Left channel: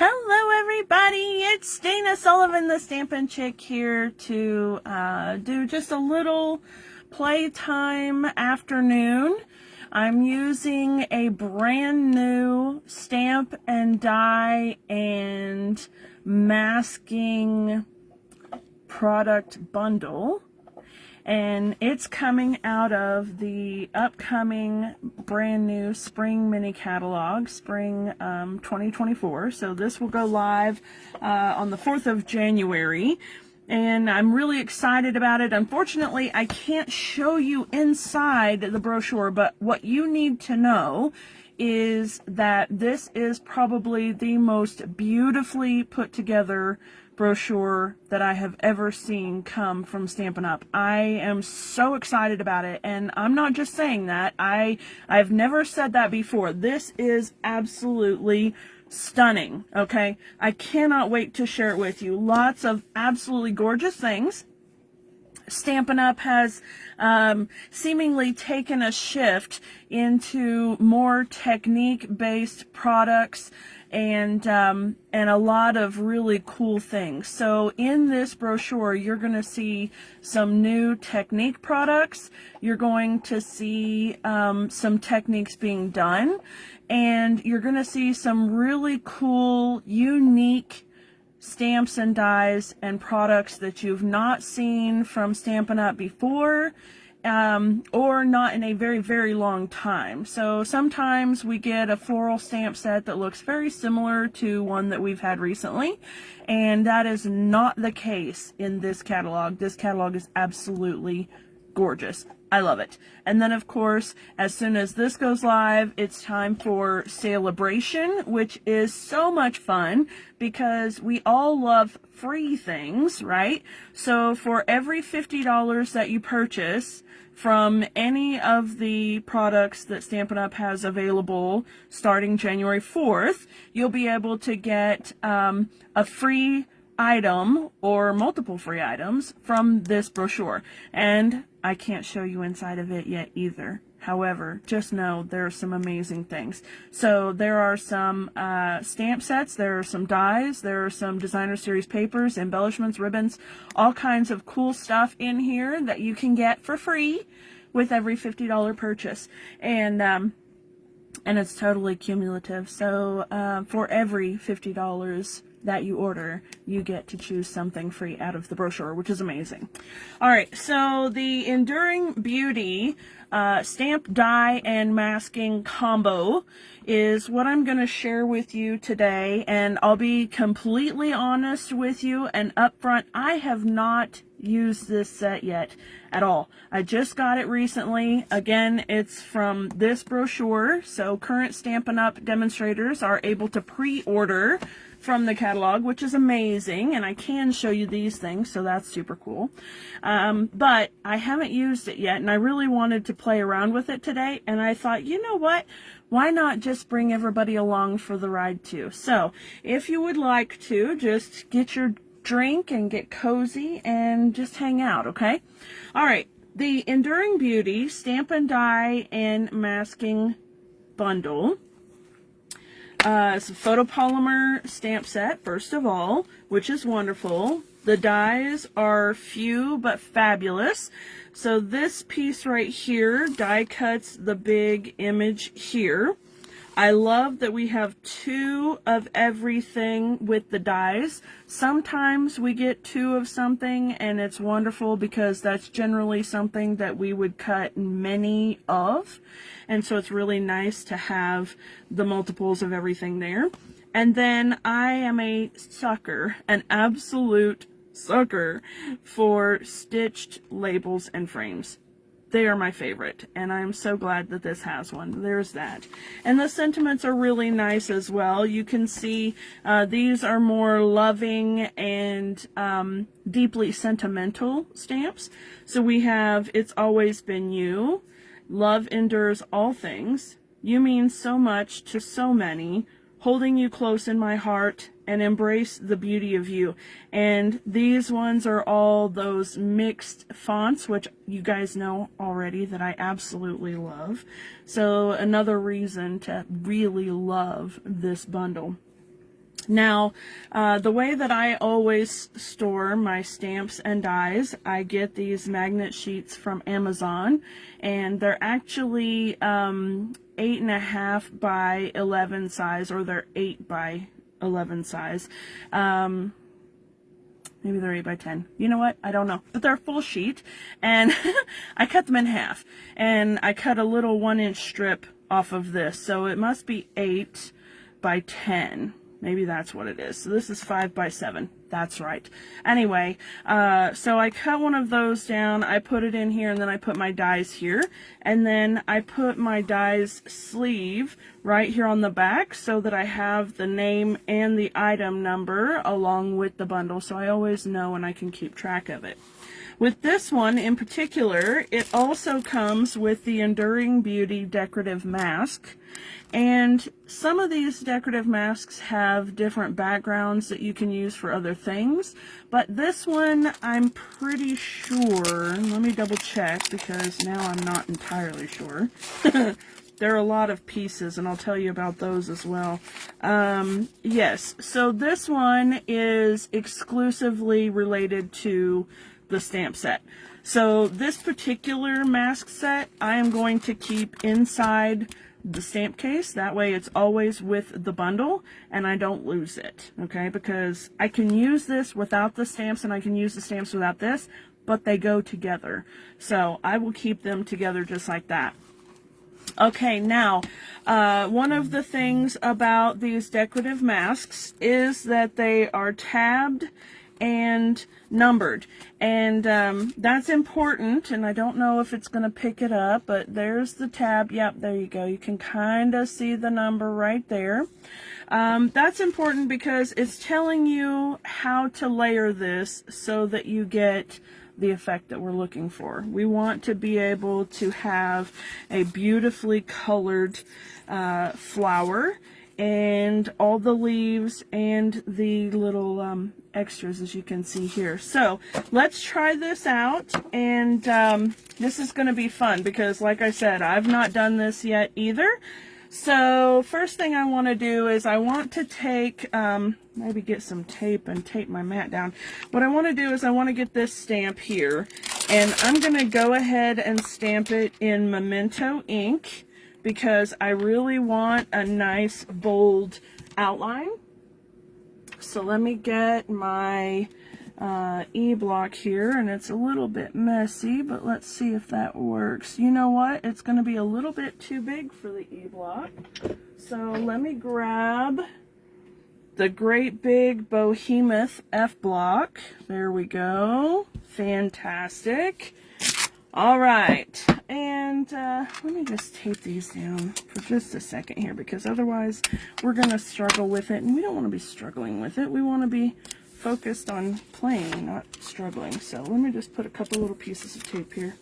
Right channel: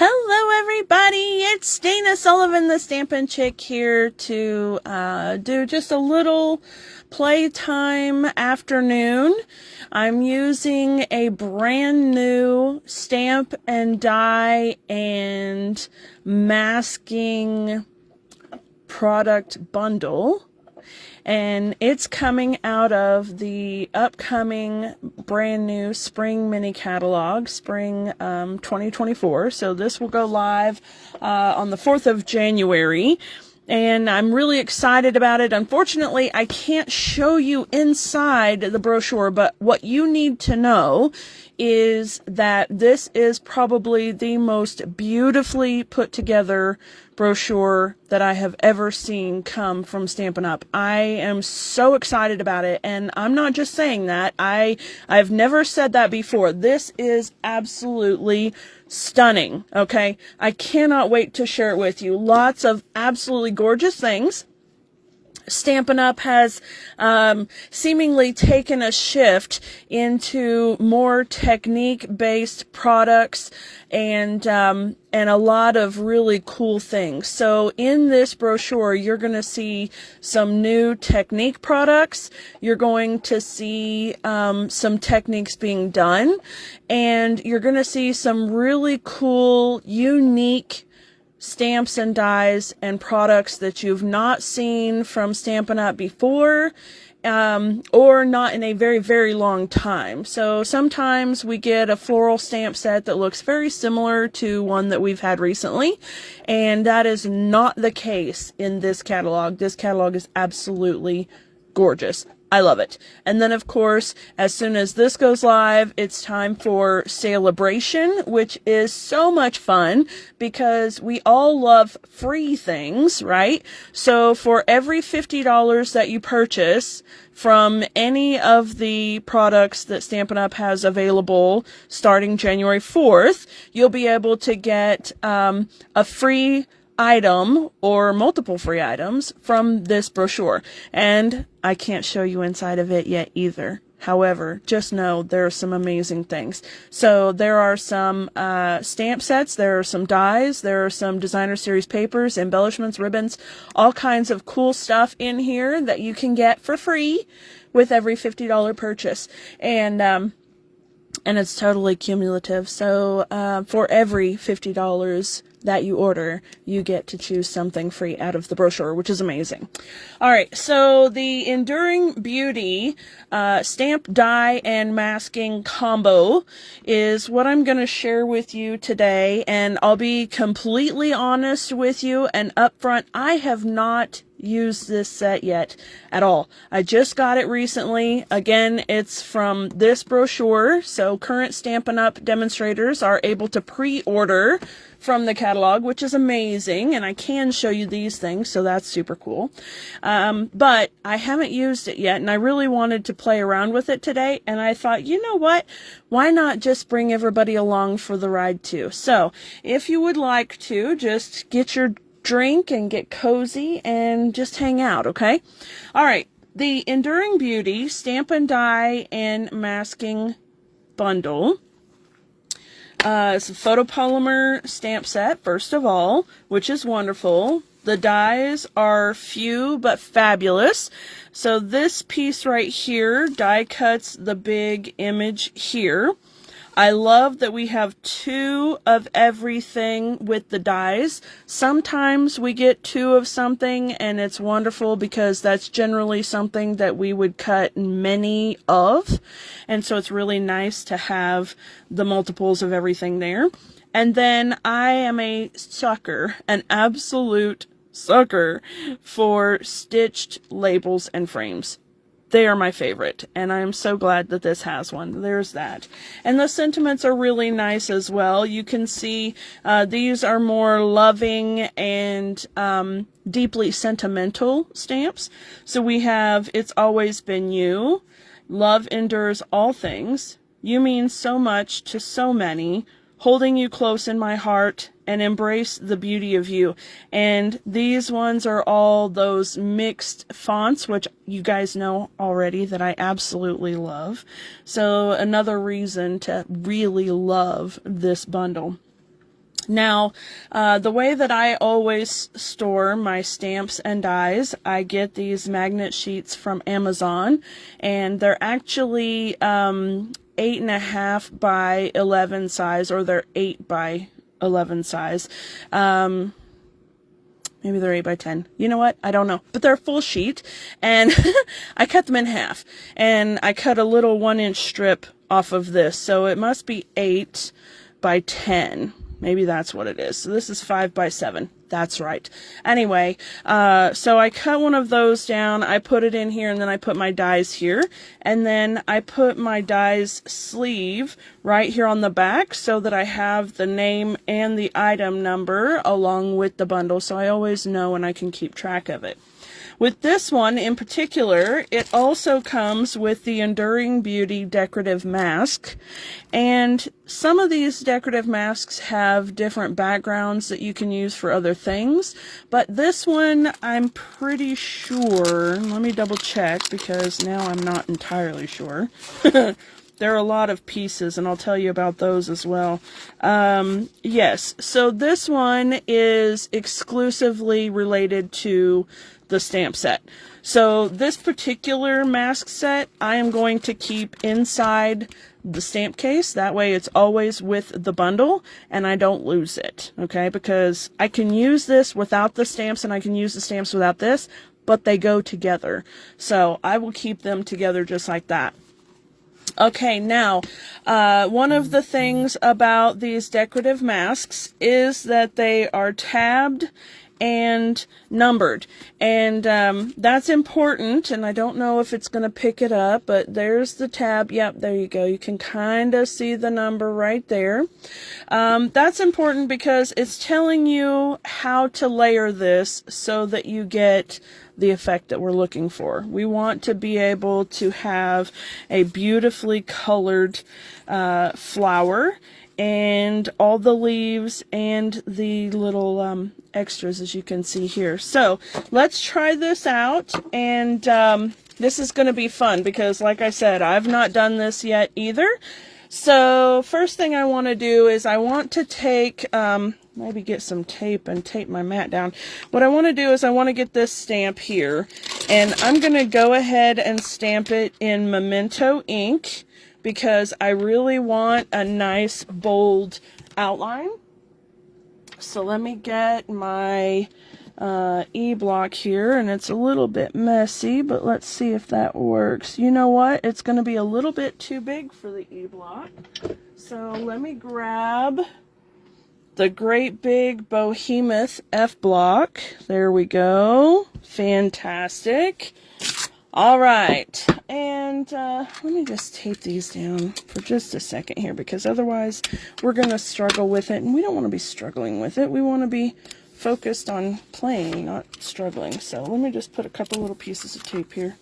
Hello everybody, it's Dana Sullivan, the Stampin' Chick, here to do just a little playtime afternoon. I'm using a brand new stamp and die and masking product bundle. And it's coming out of the upcoming brand new spring mini catalog, spring 2024. So this will go live on the 4th of January. And I'm really excited about it. Unfortunately, I can't show you inside the brochure, but what you need to know is that this is probably the most beautifully put together brochure that I have ever seen come from Stampin' Up. I am so excited about it, and I'm not just saying that. I've never said that before. This is absolutely stunning, okay? I cannot wait to share it with you. Lots of absolutely gorgeous things. Stampin' Up has seemingly taken a shift into more technique-based products and a lot of really cool things. So in this brochure, you're going to see some new technique products. You're going to see some techniques being done, and you're going to see some really cool, unique stamps and dies and products that you've not seen from Stampin' Up before, or not in a very, very long time. So sometimes we get a floral stamp set that looks very similar to one that we've had recently, and that is not the case in this catalog. This catalog is absolutely gorgeous. I love it. And then, of course, as soon as this goes live, it's time for Celebration, which is so much fun because we all love free things, right? So for every $50 that you purchase from any of the products that Stampin' Up has available starting January 4th, you'll be able to get a free item or multiple free items from this brochure. And I can't show you inside of it yet either. However, just know there are some amazing things. So there are some stamp sets, there are some dies, there are some designer series papers, embellishments, ribbons, all kinds of cool stuff in here that you can get for free with every $50 purchase. And it's totally cumulative. So for every $50 that you order, you get to choose something free out of the brochure, which is amazing. All right, so the Enduring Beauty stamp, die, and masking combo is what I'm going to share with you today, and I'll be completely honest with you and upfront, I have not used this set yet at all. I just got it recently. Again, it's from this brochure, so current Stampin' Up demonstrators are able to pre-order from the catalog, which is amazing, and I can show you these things, so that's super cool. But I haven't used it yet, and I really wanted to play around with it today, and I thought, you know what? Why not just bring everybody along for the ride too? So if you would like to, just get your drink and get cozy and just hang out, okay? All right, the Enduring Beauty Stampin' Die and Masking Bundle. It's a photopolymer stamp set, first of all, which is wonderful. The dies are few but fabulous. So this piece right here die cuts the big image here. I love that we have two of everything with the dies. Sometimes we get two of something, and it's wonderful because that's generally something that we would cut many of. And so it's really nice to have the multiples of everything there. And then I am a sucker, an absolute sucker for stitched labels and frames. They are my favorite, and I'm so glad that this has one. There's that. And the sentiments are really nice as well. You can see these are more loving and deeply sentimental stamps. So we have It's Always Been You, Love Endures All Things, You Mean So Much to So Many, Holding You Close in My Heart, and Embrace the Beauty of You. And these ones are all those mixed fonts, which you guys know already that I absolutely love. So another reason to really love this bundle. Now, the way that I always store my stamps and dies, I get these magnet sheets from Amazon, and they're actually 8.5 by 11 size, or they're 8 by 11 size. Maybe they're 8 by 10. You know what? I don't know. But they're a full sheet, and I cut them in half, and I cut a little 1-inch strip off of this, so it must be 8 by 10. Maybe that's what it is. So this is 5 by 7. That's right. Anyway, so I cut one of those down. I put it in here, and then I put my dies here. And then I put my dies sleeve right here on the back so that I have the name and the item number along with the bundle, so I always know and I can keep track of it. With this one in particular, it also comes with the Enduring Beauty decorative mask, and some of these decorative masks have different backgrounds that you can use for other things, but this one I'm pretty sure, let me double check because now I'm not entirely sure. There are a lot of pieces, and I'll tell you about those as well. Yes, so this one is exclusively related to the stamp set. So this particular mask set I am going to keep inside the stamp case. That way it's always with the bundle and I don't lose it, okay? Because I can use this without the stamps and I can use the stamps without this, but they go together. So I will keep them together just like that. Okay, now, one of the things about these decorative masks is that they are tabbed and numbered, and that's important, and I don't know if it's going to pick it up, but there's the tab. Yep, there you go. You can kind of see the number right there. That's important because it's telling you how to layer this so that you get the effect that we're looking for. We want to be able to have a beautifully colored flower, and all the leaves and the little extras, as you can see here. So let's try this out, and this is going to be fun because, like I said, I've not done this yet either. So first thing I want to do is I want to take, maybe get some tape and tape my mat down. What I want to do is I want to get this stamp here, and I'm going to go ahead and stamp it in Memento ink, because I really want a nice bold outline. So let me get my E-block here, and it's a little bit messy, but let's see if that works. You know what? It's going to be a little bit too big for the E-block. So let me grab the great big behemoth F-block. There we go. Fantastic. All right, and let me just tape these down for just a second here, because otherwise we're going to struggle with it, and we don't want to be struggling with it. We want to be focused on playing, not struggling. So let me just put a couple little pieces of tape here.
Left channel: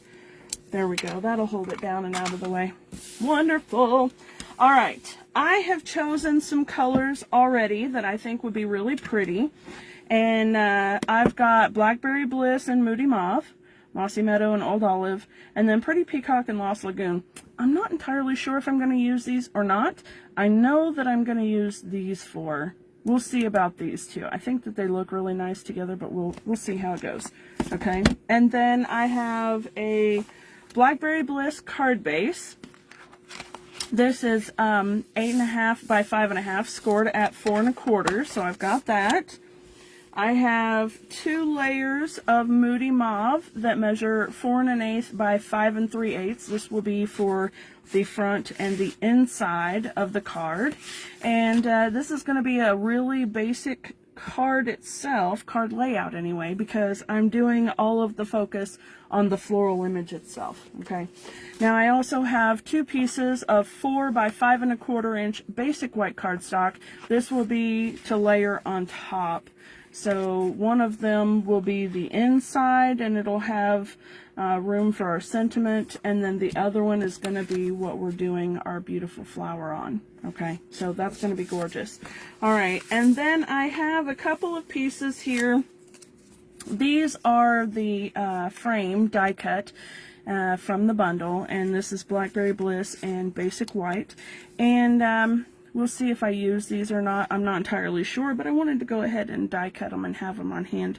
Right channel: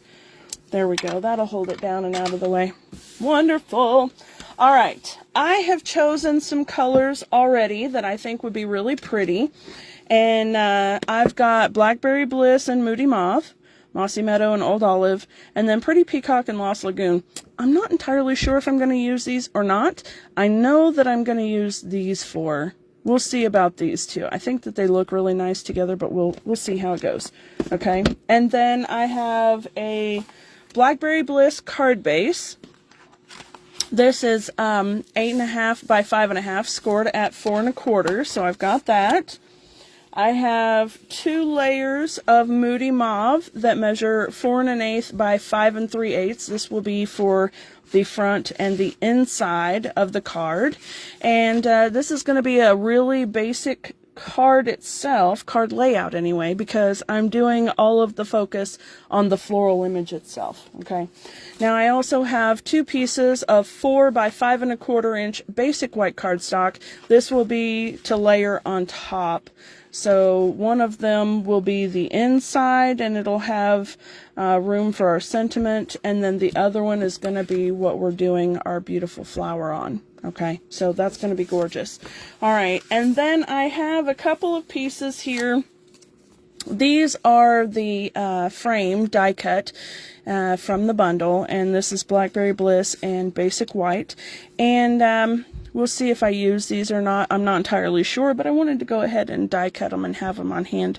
There we go. That'll hold it down and out of the way. Wonderful. All right, I have chosen some colors already that I think would be really pretty, and I've got Blackberry Bliss and Moody Mauve, Mossy Meadow and Old Olive, and then Pretty Peacock and Lost Lagoon. I'm not entirely sure if I'm going to use these or not. I know that I'm going to use these four. We'll see about these two. I think that they look really nice together, but we'll see how it goes. Okay, and then I have a Blackberry Bliss card base. This is 8.5 by 5.5, scored at 4 1/4, so I've got that. I have 2 layers of Moody Mauve that measure 4 1/8 by 5 3/8. This will be for the front and the inside of the card. And this is going to be a really basic card itself, card layout anyway, because I'm doing all of the focus on the floral image itself. Okay. Now I also have 2 pieces of 4 by 5 1/4 inch basic white cardstock. This will be to layer on top. So one of them will be the inside, and it'll have room for our sentiment, and then the other one is going to be what we're doing our beautiful flower on. Okay, so that's going to be gorgeous. All right, and then I have a couple of pieces here. These are the frame die cut from the bundle, and this is Blackberry Bliss and Basic White. And We'll see if I use these or not. I'm not entirely sure, but I wanted to go ahead and die cut them and have them on hand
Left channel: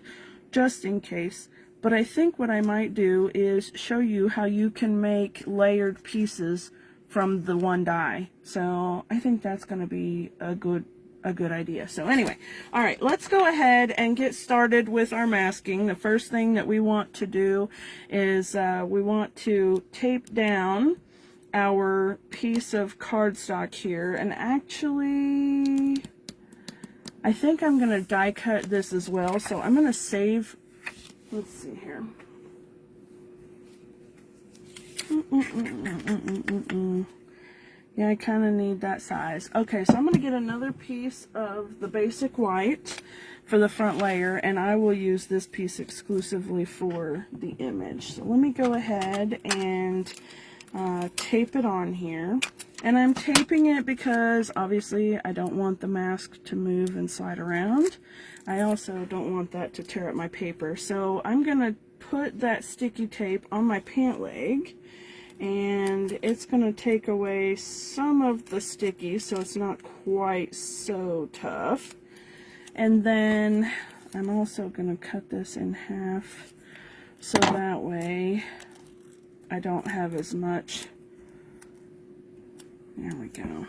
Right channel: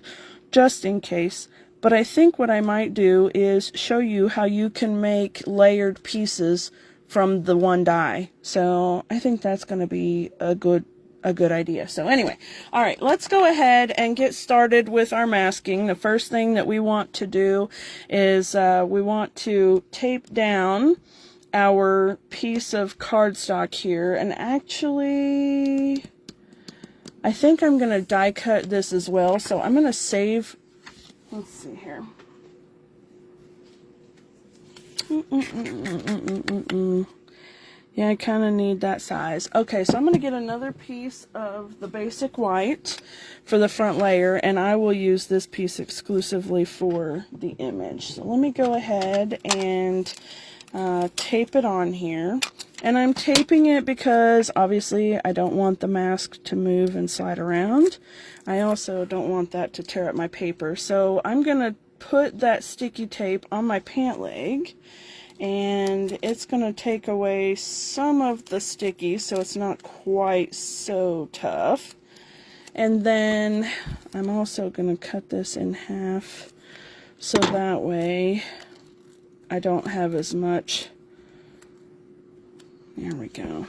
just in case. But I think what I might do is show you how you can make layered pieces from the one die. So I think that's going to be a good idea. So anyway, all right, let's go ahead and get started with our masking. The first thing that we want to do is we want to tape down our piece of cardstock here. And actually, I think I'm going to die cut this as well. So I'm going to save, let's see here. Yeah, I kind of need that size. Okay, so I'm going to get another piece of the basic white for the front layer, and I will use this piece exclusively for the image. So let me go ahead and tape it on here. And I'm taping it because obviously I don't want the mask to move and slide around. I also don't want that to tear up my paper. So I'm going to put that sticky tape on my pant leg, and it's going to take away some of the sticky so it's not quite so tough. And then I'm also going to cut this in half so that way I don't have as much. There we go.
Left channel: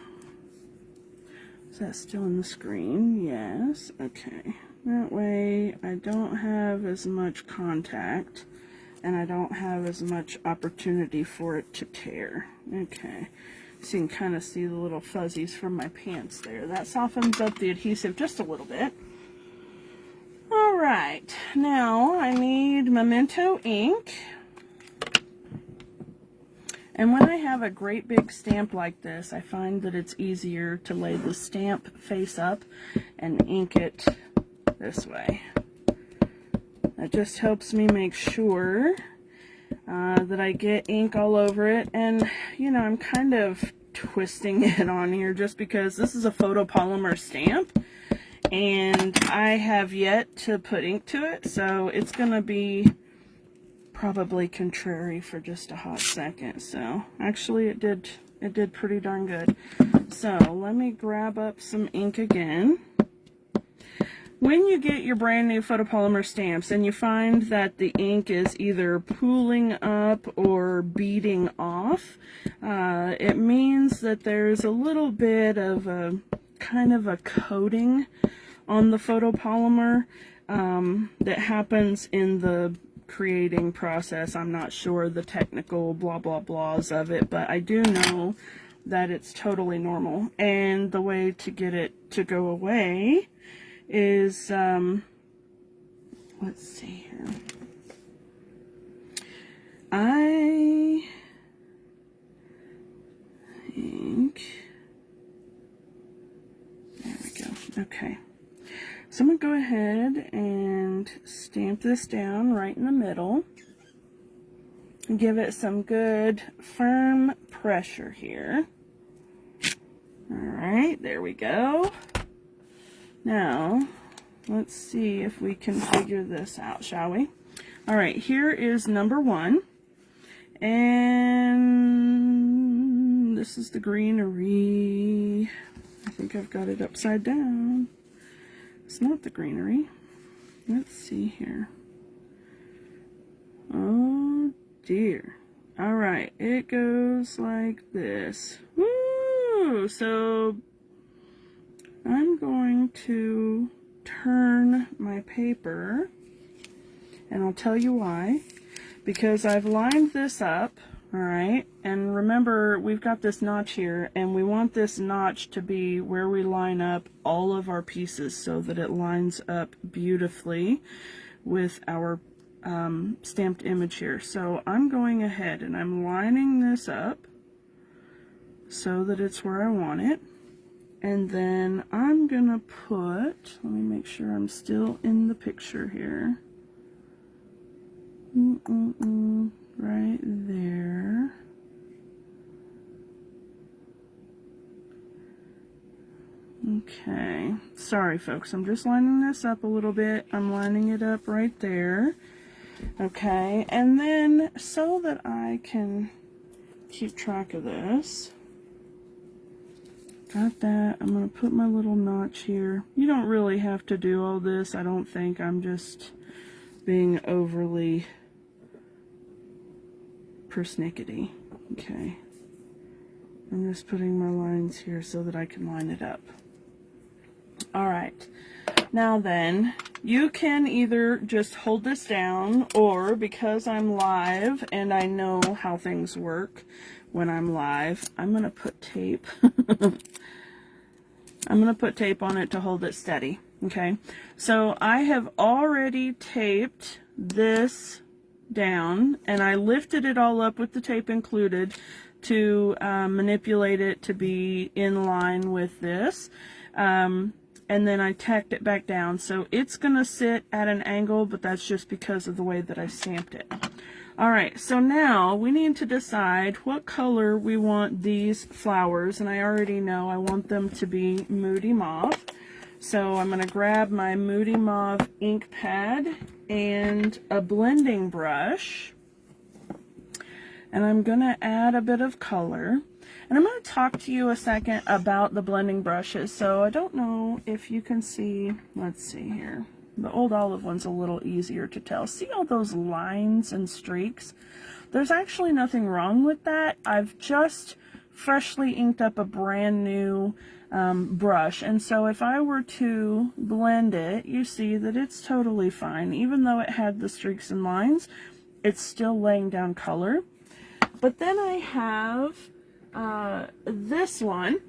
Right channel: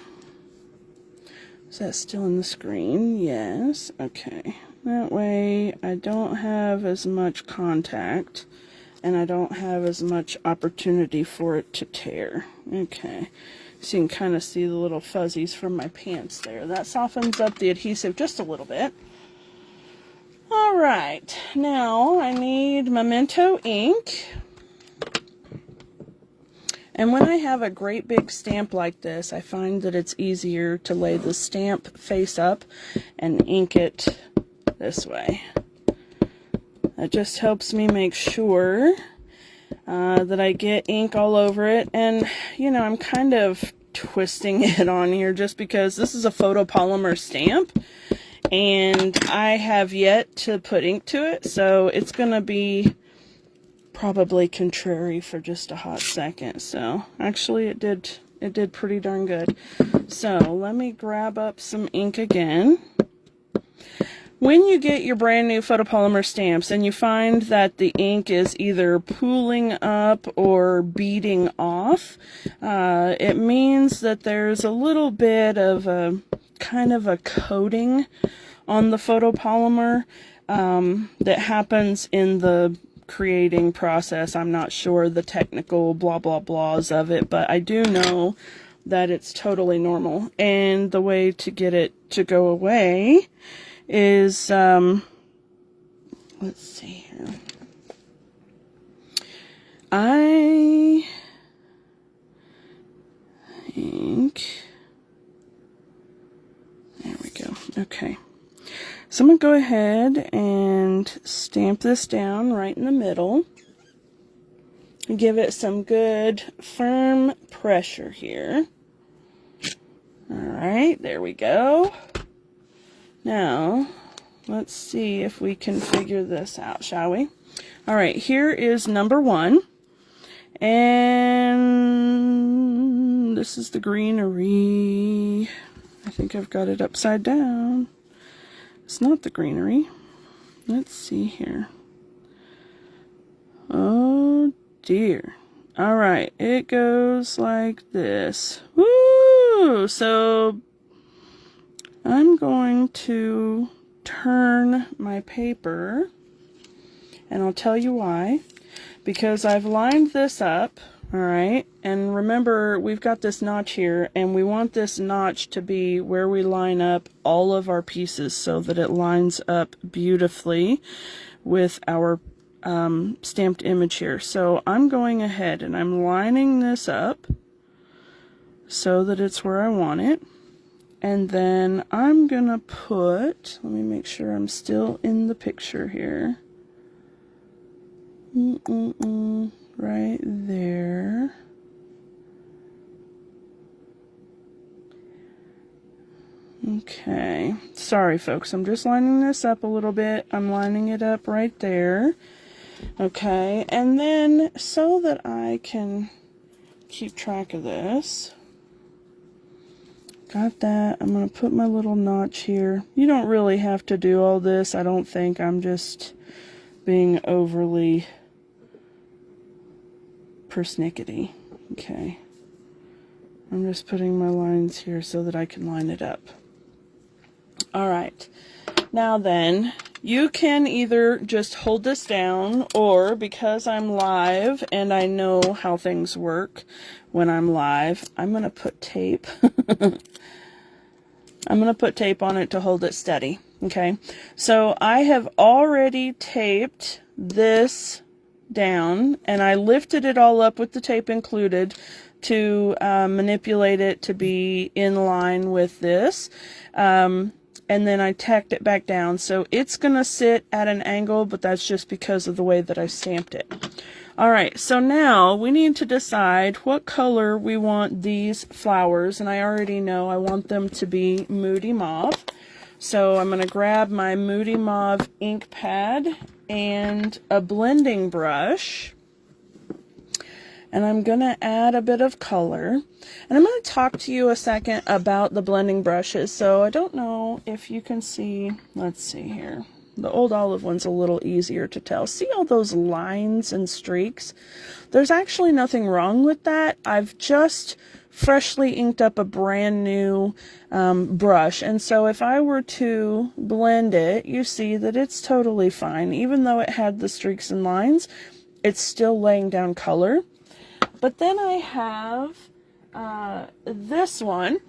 Is that still on the screen? Yes. Okay. That way I don't have as much contact and I don't have as much opportunity for it to tear. Okay. So you can kind of see the little fuzzies from my pants there. That softens up the adhesive just a little bit. All right. Now I need Memento ink. And when I have a great big stamp like this, I find that it's easier to lay the stamp face up and ink it this way. That just helps me make sure that I get ink all over it. And, you know, I'm kind of twisting it on here just because this is a photopolymer stamp and I have yet to put ink to it. So it's going to be probably contrary for just a hot second. So actually it did pretty darn good. So let me grab up some ink again. When you get your brand new photopolymer stamps and you find that the ink is either pooling up or beading off, it means that there's a little bit of a kind of a coating on the photopolymer that happens in the creating process. I'm not sure the technical blah blah blahs of it, but I do know that it's totally normal. And the way to get it to go away is let's see here. I think there we go. Okay. So I'm going to go ahead and stamp this down right in the middle. Give it some good firm pressure here. Alright, there we go. Now, let's see if we can figure this out, shall we? Alright, here is number 1. And this is the greenery. I think I've got it upside down. It's not the greenery. Let's see here. Oh dear. Alright, it goes like this. Woo! So I'm going to turn my paper, and I'll tell you why. Because I've lined this up, alright, and remember we've got this notch here, and we want this notch to be where we line up all of our pieces so that it lines up beautifully with our stamped image here. So I'm going ahead and I'm lining this up so that it's where I want it. And then I'm gonna put, let me make sure I'm still in the picture here. Right there. Okay, sorry folks, I'm just lining this up a little bit. I'm lining it up right there. Okay, and then so that I can keep track of this, Got that. I'm going to put my little notch here. You don't really have to do all this, I don't think. I'm just being overly persnickety. Okay. I'm just putting my lines here so that I can line it up. Alright. Now then, you can either just hold this down, or because I'm live and I know how things work when I'm live, I'm going to put tape. I'm going to put tape on it to hold it steady. Okay, so I have already taped this down, and I lifted it all up with the tape included to manipulate it to be in line with this. And then I tacked it back down. So it's going to sit at an angle, but that's just because of the way that I stamped it. Alright, so now we need to decide what color we want these flowers, and I already know I want them to be Moody Mauve. So I'm going to grab my Moody Mauve ink pad and a blending brush, and I'm going to add a bit of color. And I'm going to talk to you a second about the blending brushes. So I don't know if you can see, let's see here. The old olive one's a little easier to tell. See all those lines and streaks? There's actually nothing wrong with that. I've just freshly inked up a brand new brush, and so if I were to blend it, you see that it's totally fine. Even though it had the streaks and lines, it's still laying down color. But then I have this one,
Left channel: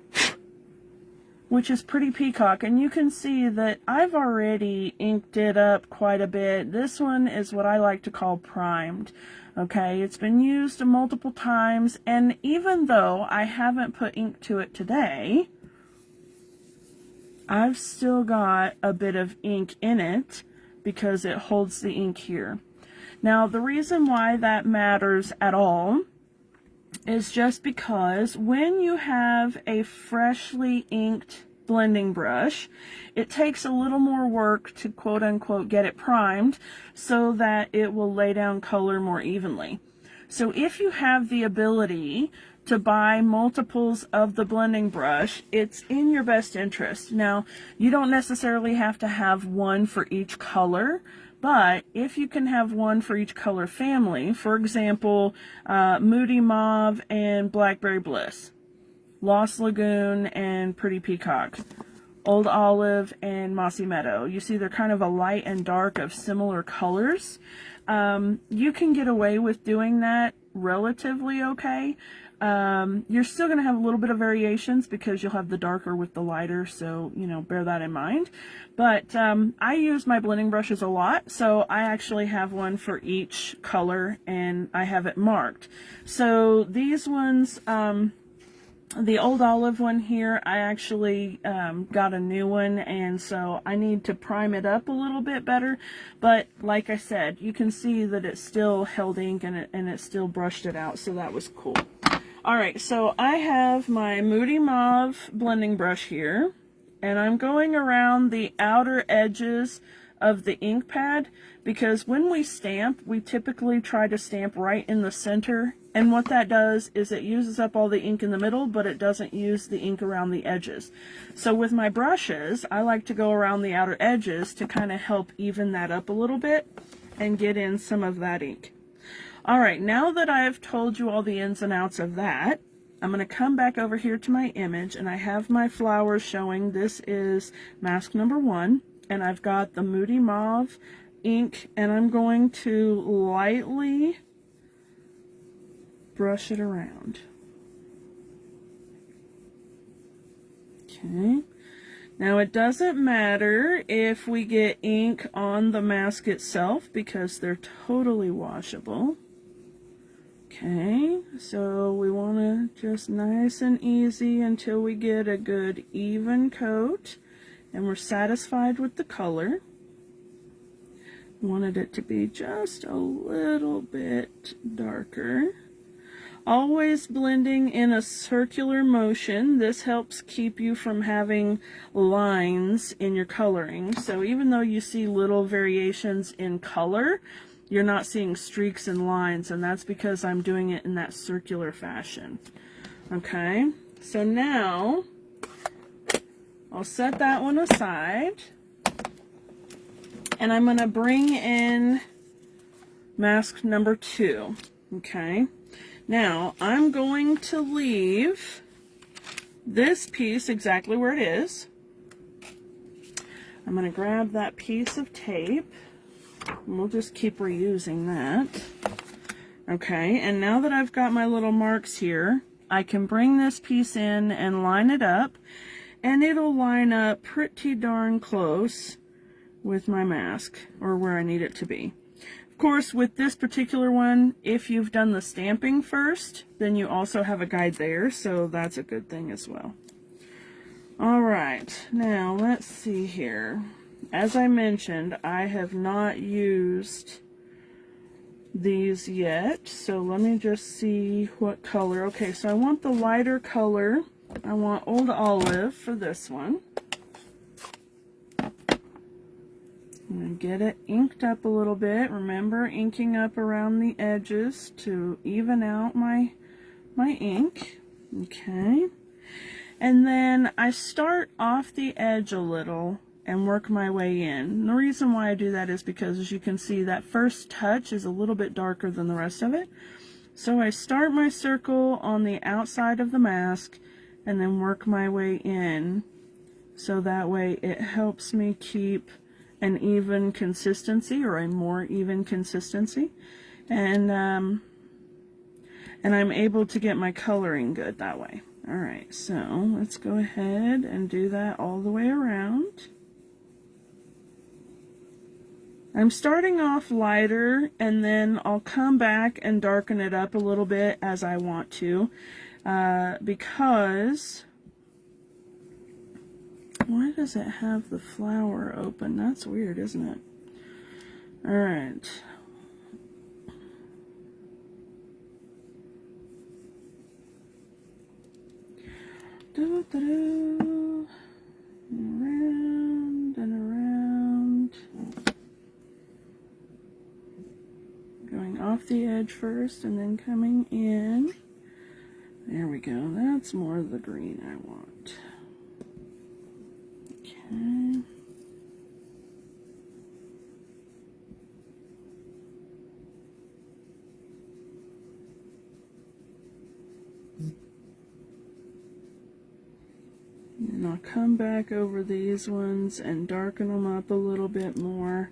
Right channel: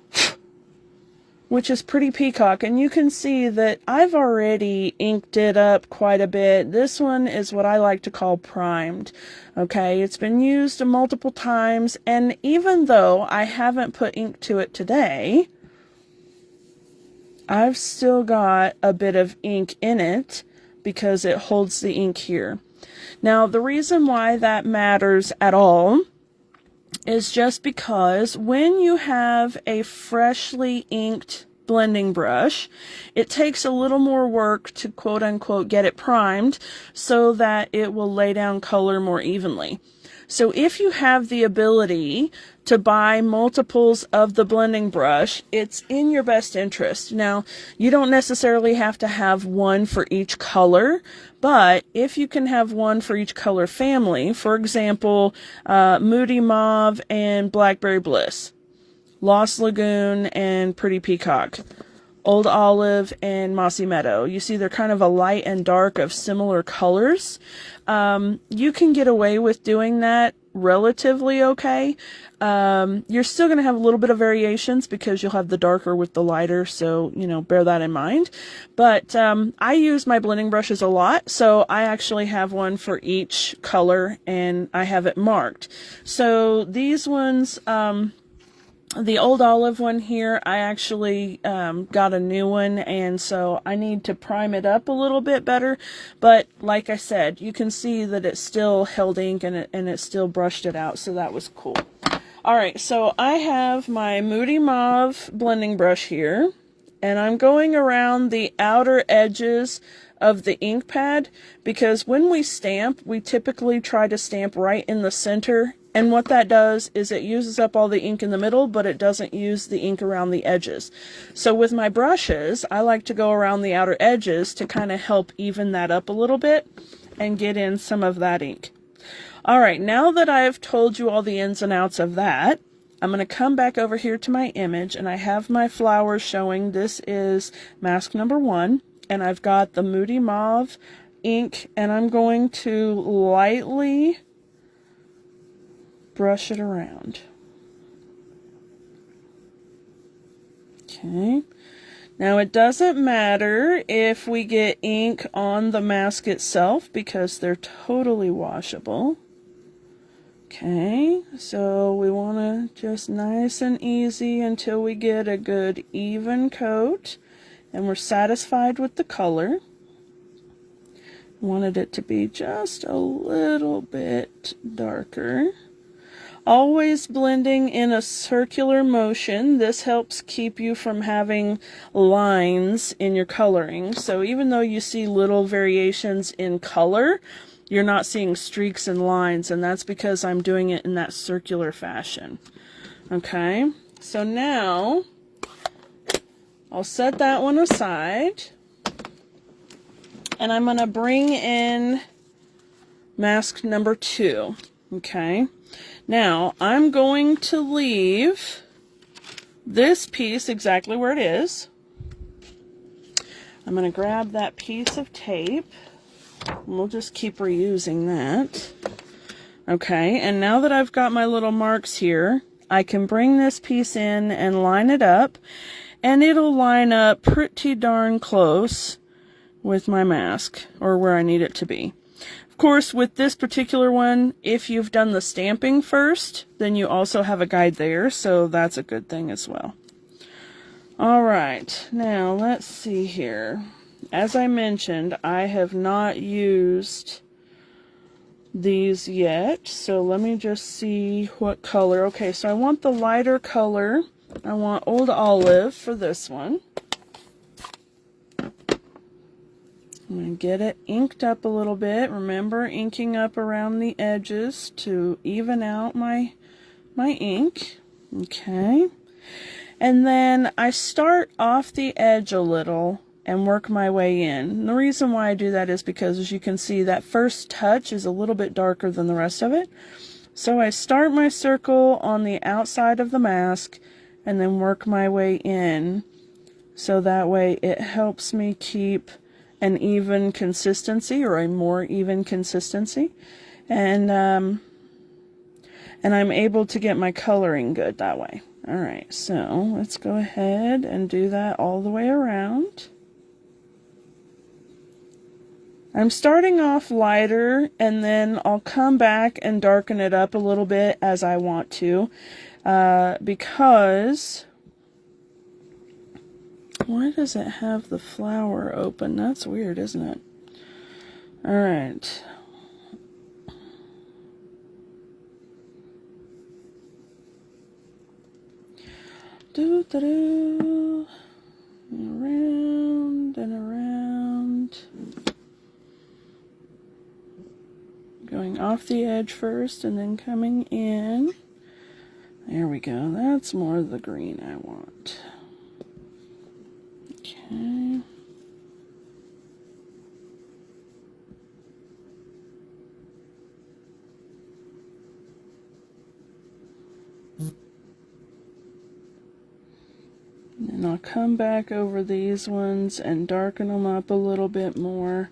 which is Pretty Peacock, and you can see that I've already inked it up quite a bit. This one is what I like to call primed. Okay, it's been used multiple times, and even though I haven't put ink to it today, I've still got a bit of ink in it because it holds the ink here. Now, the reason why that matters at all is just because when you have a freshly inked blending brush, it takes a little more work to quote unquote get it primed so that it will lay down color more evenly. So if you have the ability to buy multiples of the blending brush, it's in your best interest. Now, you don't necessarily have to have one for each color, but if you can have one for each color family, for example, Moody Mauve and Blackberry Bliss, Lost Lagoon and Pretty Peacock, Old Olive and Mossy Meadow. You see they're kind of a light and dark of similar colors. You can get away with doing that relatively okay. You're still going to have a little bit of variations because you'll have the darker with the lighter, so, you know, bear that in mind. But I use my blending brushes a lot, so I actually have one for each color, and I have it marked. So these ones, the Old Olive one here, I actually got a new one, and so I need to prime it up a little bit better. But like I said, you can see that it still held ink and it still brushed it out, so that was cool. Alright, so I have my Moody Mauve blending brush here, and I'm going around the outer edges of the ink pad, because when we stamp, we typically try to stamp right in the center, and what that does is it uses up all the ink in the middle, but it doesn't use the ink around the edges. So with my brushes, I like to go around the outer edges to kind of help even that up a little bit and get in some of that ink. Alright, now that I've told you all the ins and outs of that, I'm going to come back over here to my image, and I have my flowers showing. This is mask number 1, and I've got the Moody Mauve ink, and I'm going to lightly brush it around. Okay. Now it doesn't matter if we get ink on the mask itself because they're totally washable. Okay, so we want to just nice and easy until we get a good even coat and we're satisfied with the color. Wanted it to be just a little bit darker. Always blending in a circular motion. This helps keep you from having lines in your coloring. So even though you see little variations in color, you're not seeing streaks and lines, and that's because I'm doing it in that circular fashion. Okay, so now I'll set that one aside. And I'm going to bring in mask number 2. Okay. Now, I'm going to leave this piece exactly where it is. I'm going to grab that piece of tape. And we'll just keep reusing that. Okay, and now that I've got my little marks here, I can bring this piece in and line it up, and it'll line up pretty darn close with my mask, or where I need it to be. Of course, with this particular one, if you've done the stamping first, then you also have a guide there, so that's a good thing as well. All right, now let's see here. As I mentioned, I have not used these yet, so let me just see what color. Okay, so I want the lighter color. I want Old Olive for this one. I'm going to get it inked up a little bit. Remember, inking up around the edges to even out my ink. Okay. And then I start off the edge a little and work my way in. And the reason why I do that is because, as you can see, that first touch is a little bit darker than the rest of it. So I start my circle on the outside of the mask and then work my way in. So that way it helps me keep an even consistency, or a more even consistency. And I'm able to get my coloring good that way. All right, so let's go ahead and do that all the way around. I'm starting off lighter, and then I'll come back and darken it up a little bit as I want to, because why does it have the flower open? That's weird, isn't it? All right. Do-do-do. Around and around. Going off the edge first and then coming in. There we go. That's more of the green I want. Okay. And I'll come back over these ones and darken them up a little bit more.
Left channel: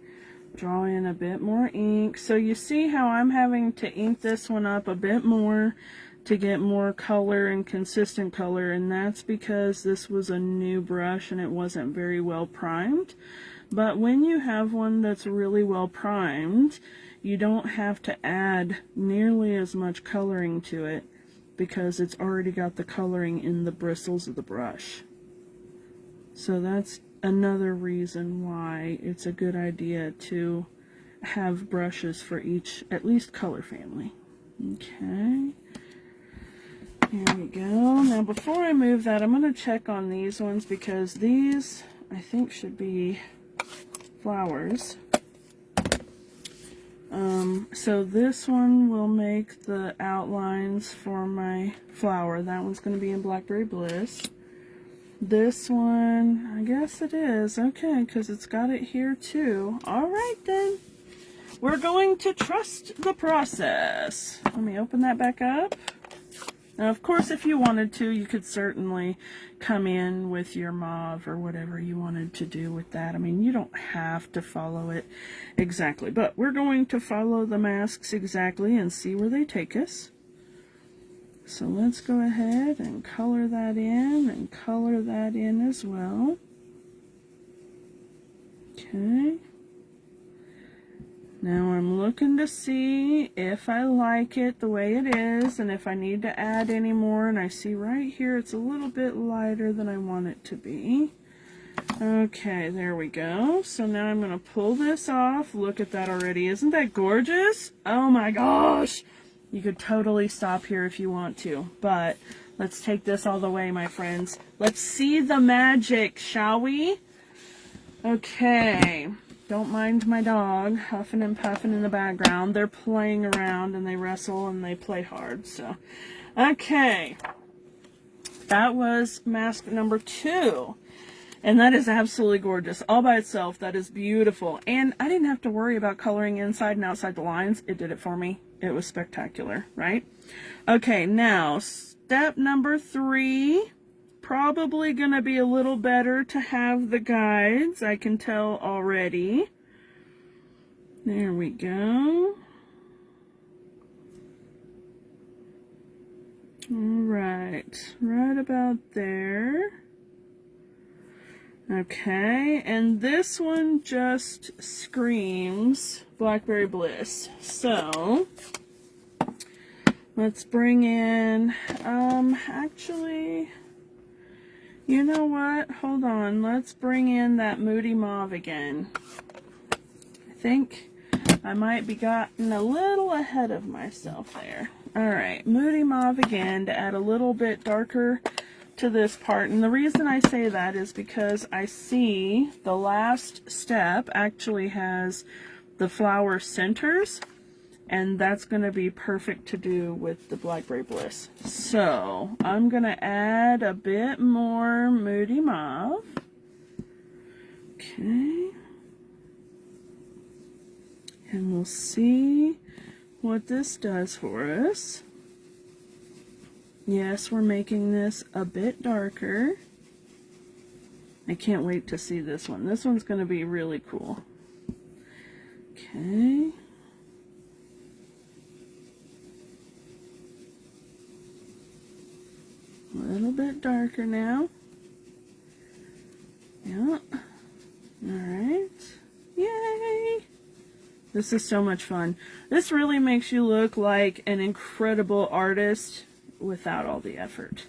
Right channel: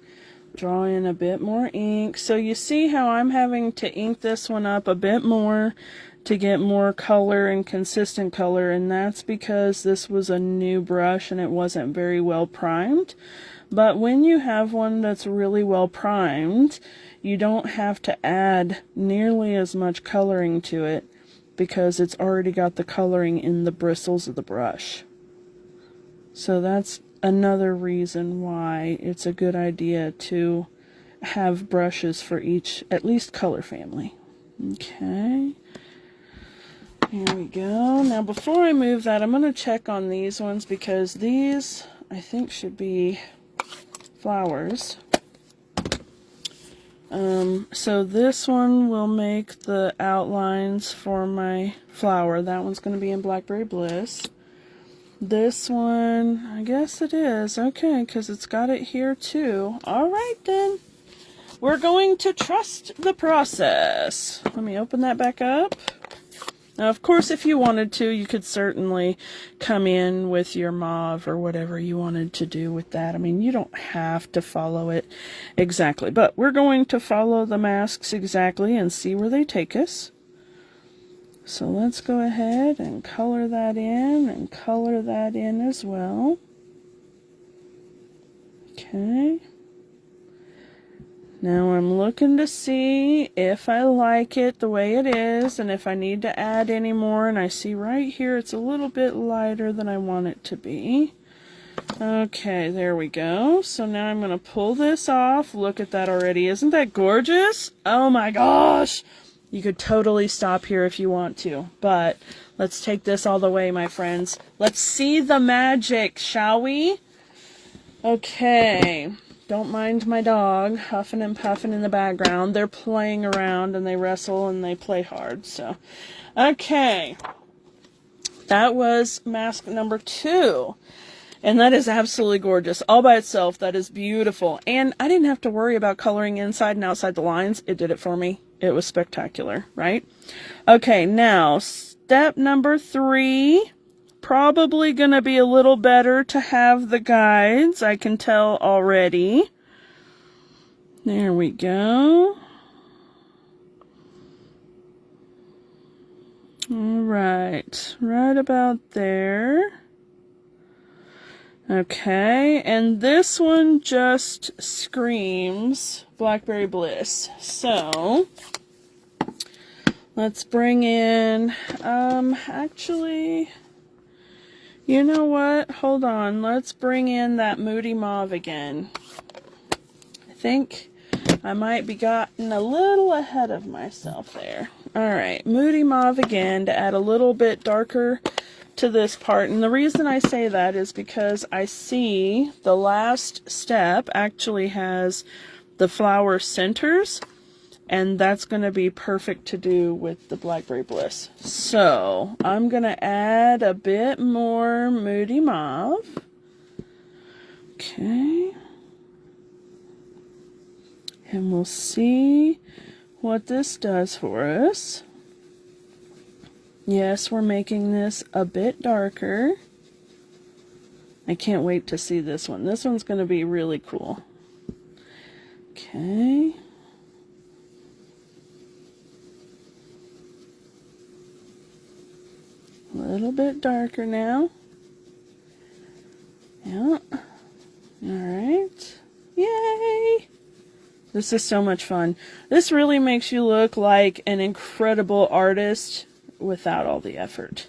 Draw in a bit more ink. So you see how I'm having to ink this one up a bit more to get more color and consistent color, and that's because this was a new brush and it wasn't very well primed. But when you have one that's really well primed, you don't have to add nearly as much coloring to it because it's already got the coloring in the bristles of the brush. So that's another reason why it's a good idea to have brushes for each, at least, color family. Okay. Here we go. Now before I move that, I'm going to check on these ones because these, I think, should be flowers. So this one will make the outlines for my flower. That one's going to be in Blackberry Bliss. This one, I guess it is. Okay, because it's got it here too. All right then. We're going to trust the process. Let me open that back up. Now, of course, if you wanted to, you could certainly come in with your mauve or whatever you wanted to do with that. I mean, you don't have to follow it exactly, but we're going to follow the masks exactly and see where they take us. So let's go ahead and color that in and color that in as well. Okay. Now I'm looking to see if I like it the way it is and if I need to add any more, and I see right here it's a little bit lighter than I want it to be. Okay, there we go. So now I'm going to pull this off. Look at that already. Isn't that gorgeous? Oh my gosh! You could totally stop here if you want to, but let's take this all the way, my friends. Let's see the magic, shall we? Okay. Don't mind my dog huffing and puffing in the background. They're playing around and they wrestle and they play hard. So, okay. That was mask number 2. And that is absolutely gorgeous. All by itself, that is beautiful. And I didn't have to worry about coloring inside and outside the lines. It did it for me. It was spectacular, right? Okay, now, step number 3. Probably going to be a little better to have the guides. I can tell already. There we go. All right, right about there. Okay, and this one just screams Blackberry Bliss. So, let's bring in, actually, you know what? Hold on, let's bring in that Moody Mauve again. I think I might be gotten a little ahead of myself there. Alright, Moody Mauve again to add a little bit darker to this part. And the reason I say that is because I see the last step actually has the flower centers. And that's going to be perfect to do with the Blackberry Bliss. So, I'm going to add a bit more Moody Mauve. Okay. And we'll see what this does for us. Yes, we're making this a bit darker. I can't wait to see this one. This one's going to be really cool. Okay. A little bit darker now. Yeah. Alright. Yay! This is so much fun. This really makes you look like an incredible artist without all the effort.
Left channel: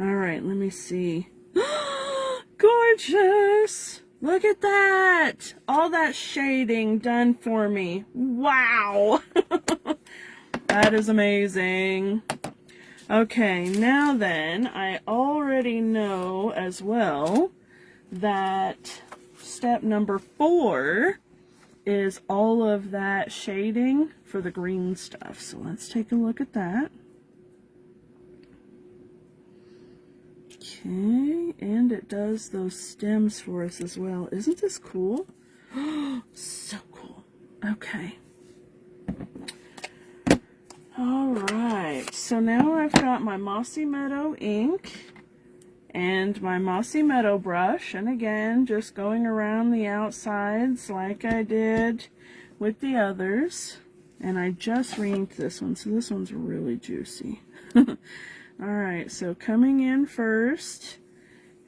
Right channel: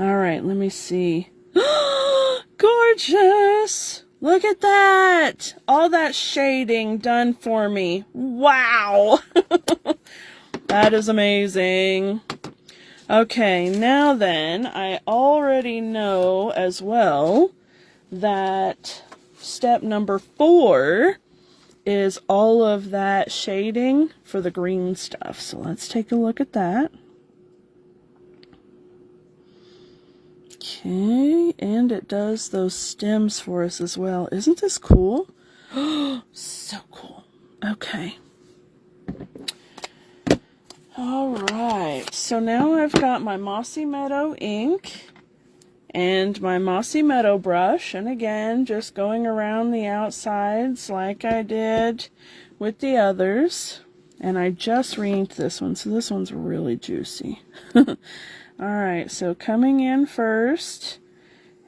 Alright, let me see. Gorgeous! Look at that! All that shading done for me. Wow! That is amazing. Okay, now then, I already know as well that step number 4 is all of that shading for the green stuff. So let's take a look at that. Okay, and it does those stems for us as well. Isn't this cool? So cool. Okay. Alright, so now I've got my Mossy Meadow ink and my Mossy Meadow brush, and again, just going around the outsides like I did with the others. And I just re-inked this one, so this one's really juicy. Alright, so coming in first,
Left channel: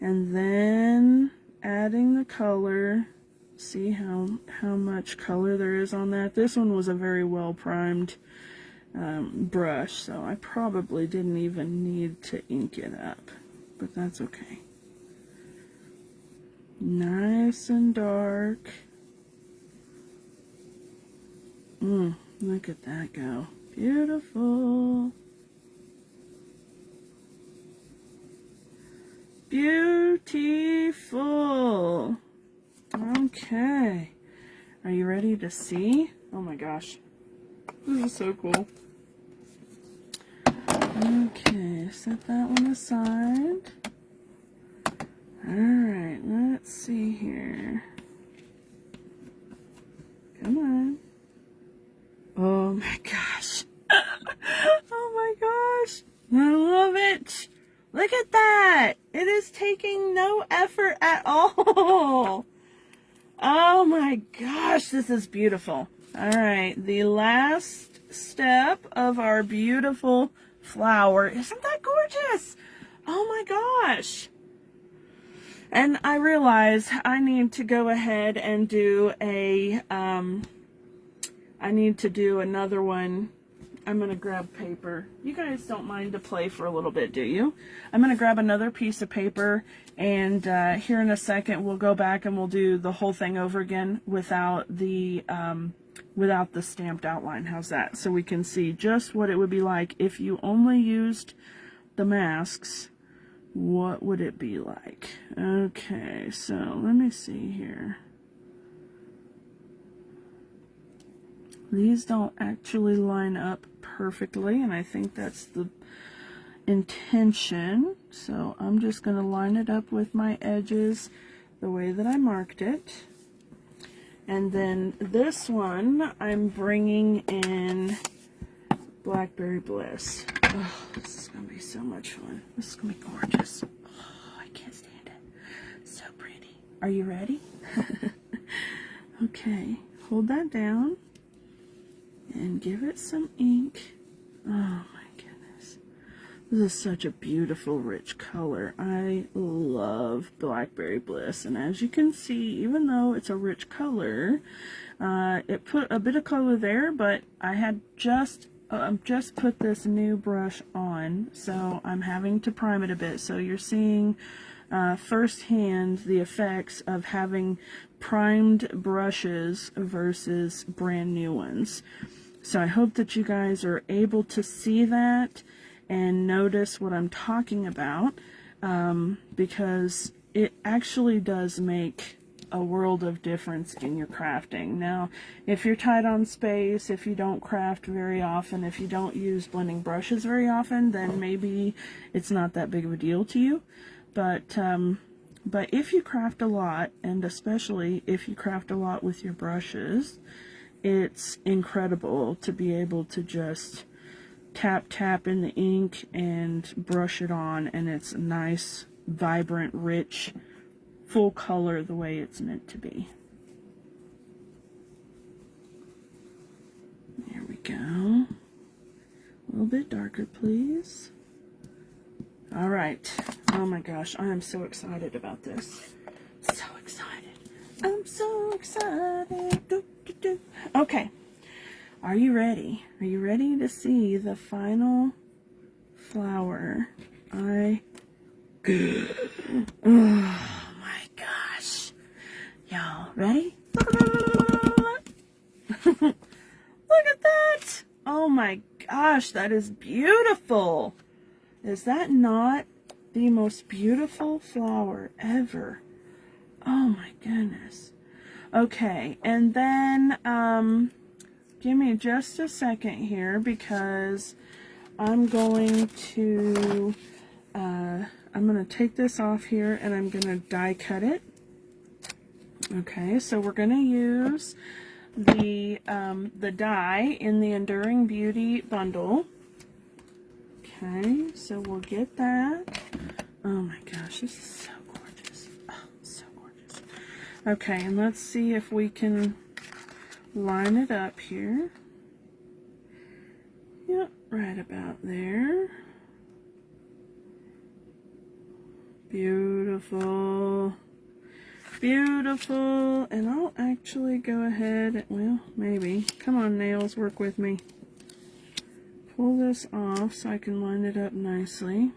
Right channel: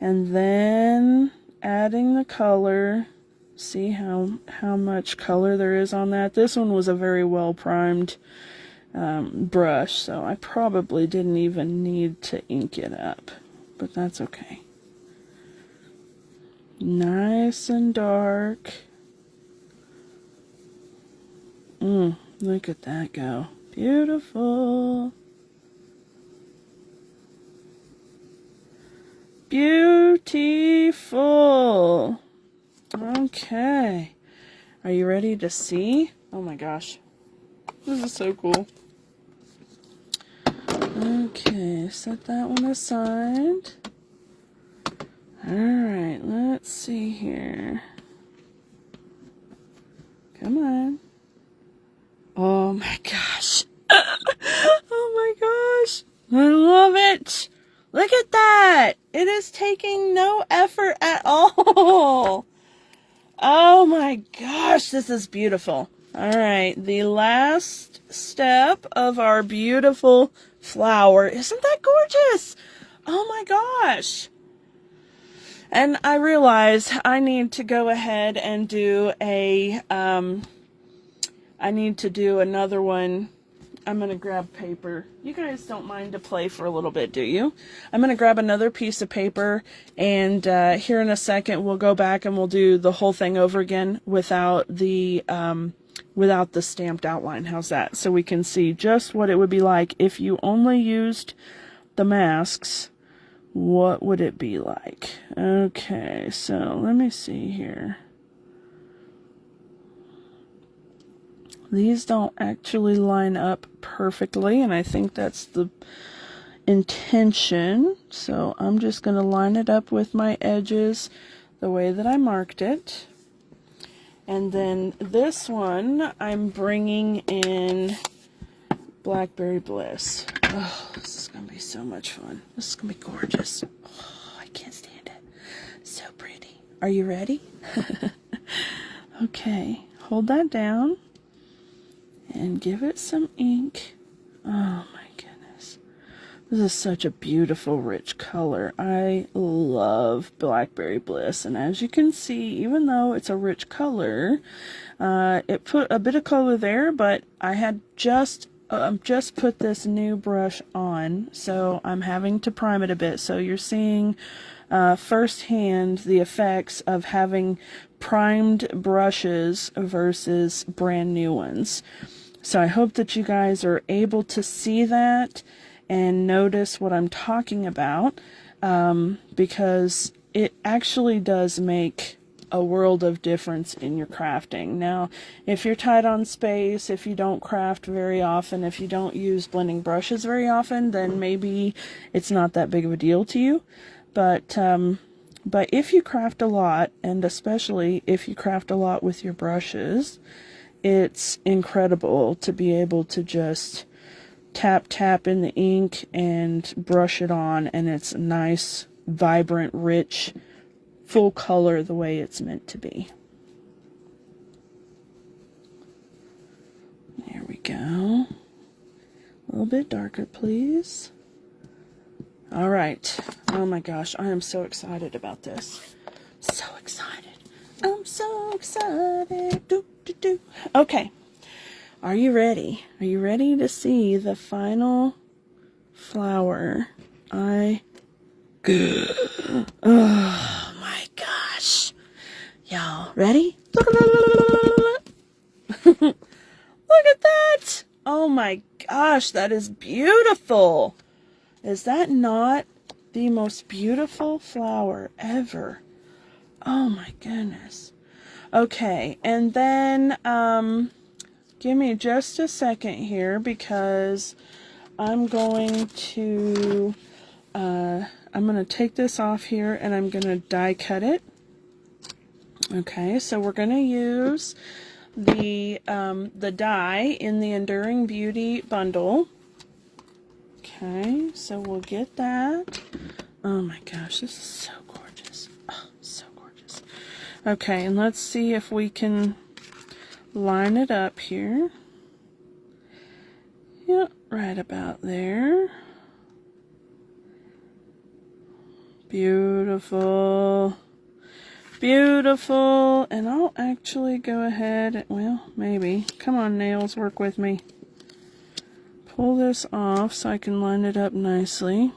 and then adding the color. See how much color there is on that. This one was a very well primed brush, so I probably didn't even need to ink it up, but that's okay. Nice and dark. Look at that go. Beautiful. Beautiful. Okay. Are you ready to see? Oh my gosh. This is so cool. Okay, set that one aside. Alright, let's see here. Come on. Oh my gosh. Oh my gosh. I love it. Look at that. It is taking no effort at all. Oh my gosh, this is beautiful. Alright, the last step of our beautiful flower. Isn't that gorgeous? Oh my gosh. And I realize I need to go ahead and do a, I need to do another one. I'm going to grab paper. You guys don't mind to play for a little bit, do you? I'm going to grab another piece of paper, and here in a second we'll go back and we'll do the whole thing over again without the stamped outline. How's that? So we can see just what it would be like if you only used the masks. What would it be like? Okay, so let me see here. These don't actually line up perfectly, and I think that's the intention. So I'm just going to line it up with my edges the way that I marked it. And then this one, I'm bringing in Blackberry Bliss. Oh, this is going to be so much fun. This is going to be gorgeous. Oh, I can't stand it. So pretty. Are you ready? Okay, hold that down and give it some ink. Oh my goodness. This is such a beautiful, rich color. I love Blackberry Bliss. And as you can see, even though it's a rich color, it put a bit of color there, but I had just put this new brush on, so I'm having to prime it a bit. So you're seeing firsthand the effects of having primed brushes versus brand new ones. So I hope that you guys are able to see that and notice what I'm talking about, because it actually does make a world of difference in your crafting. Now, if you're tight on space, if you don't craft very often, if you don't use blending brushes very often, then maybe it's not that big of a deal to you. But if you craft a lot, and especially if you craft a lot with your brushes, it's incredible to be able to just tap in the ink and brush it on, and it's nice, vibrant, rich, full color the way it's meant to be. There we go. A little bit darker, please. All right. Oh my gosh, I am so excited about this. So excited. I'm so excited. Okay. Are you ready? Are you ready to see the final flower? Oh my gosh. Y'all ready? Look at that. Oh my gosh, that is beautiful. Is that not the most beautiful flower ever? Oh my goodness. Okay, and then give me just a second here, because I'm going to take this off here and I'm going to die cut it. Okay, so we're going to use the die in the Enduring Beauty bundle. Okay, so we'll get that. Oh my gosh, this is so gorgeous. Oh, so gorgeous. Okay, and let's see if we can line it up here. Yep, right about there. Beautiful. Beautiful. And I'll actually go ahead, well, maybe. Come on, nails, work with me. Pull this off so I can line it up nicely.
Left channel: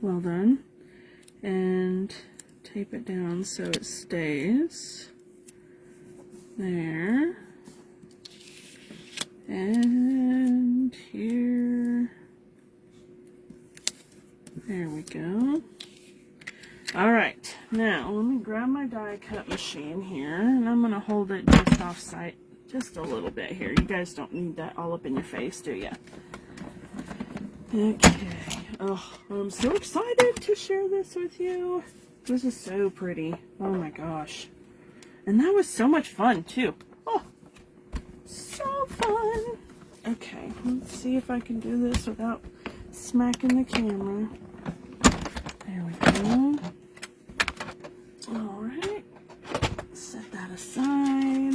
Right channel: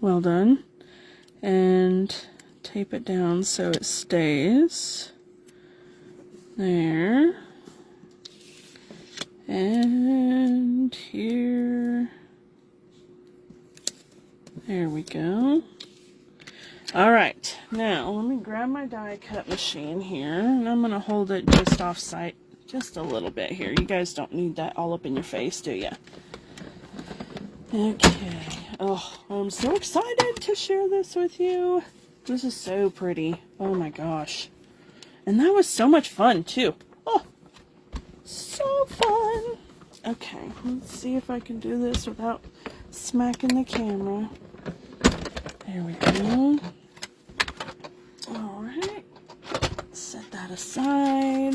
Well done. And tape it down so it stays. There. And here. There we go. Alright, now let me grab my die cut machine here, and I'm going to hold it just off site, just a little bit here. You guys don't need that all up in your face, do ya? Okay. Oh, I'm so excited to share this with you. This is so pretty. Oh my gosh. And that was so much fun, too. Oh, so fun. Okay, let's see if I can do this without smacking the camera. There we go. Alright. Set that aside.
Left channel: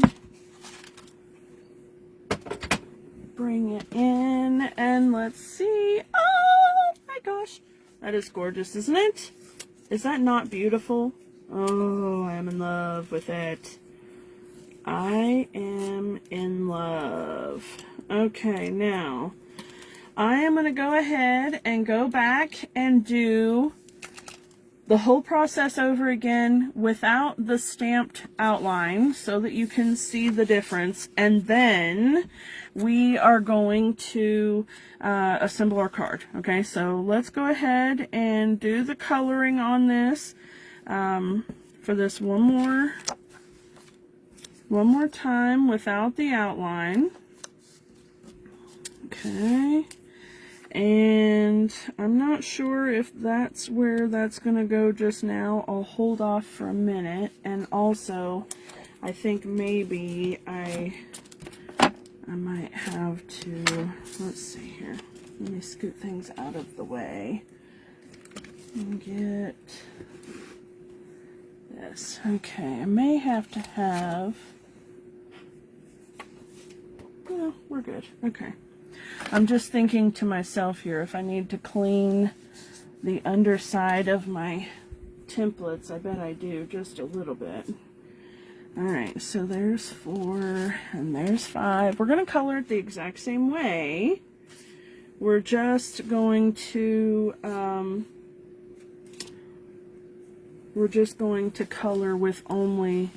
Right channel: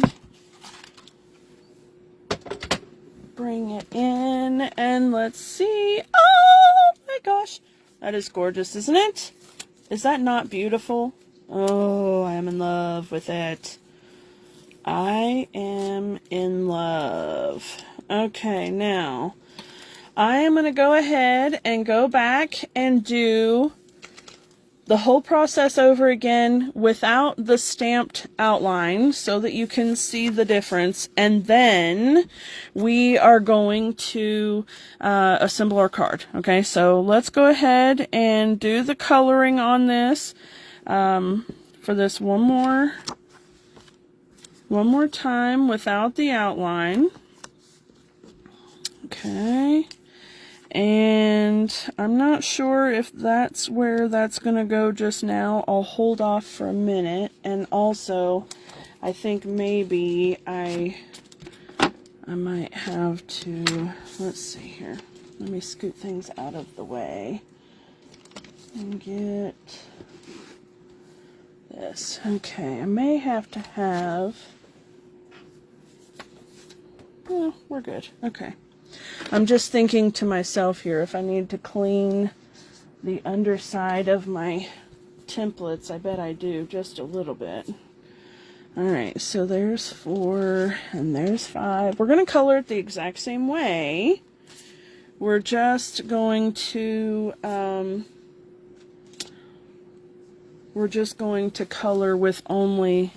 Bring it in, and let's see. Oh my gosh. That is gorgeous, isn't it? Is that not beautiful? Oh, I'm in love with it. I am in love. Okay, now I am going to go ahead and go back and do the whole process over again without the stamped outline so that you can see the difference. And then we are going to assemble our card. Okay, so let's go ahead and do the coloring on this for this one more time without the outline. Okay. And I'm not sure if that's where that's going to go just now. I'll hold off for a minute. And also, I think maybe I might have to, let's see here. Let me scoot things out of the way and get this. Okay, I may have to have, yeah, we're good. Okay. I'm just thinking to myself here, if I need to clean the underside of my templates, I bet I do, just a little bit. Alright, so there's 4, and there's 5. We're going to color it the exact same way. We're just going to, color with only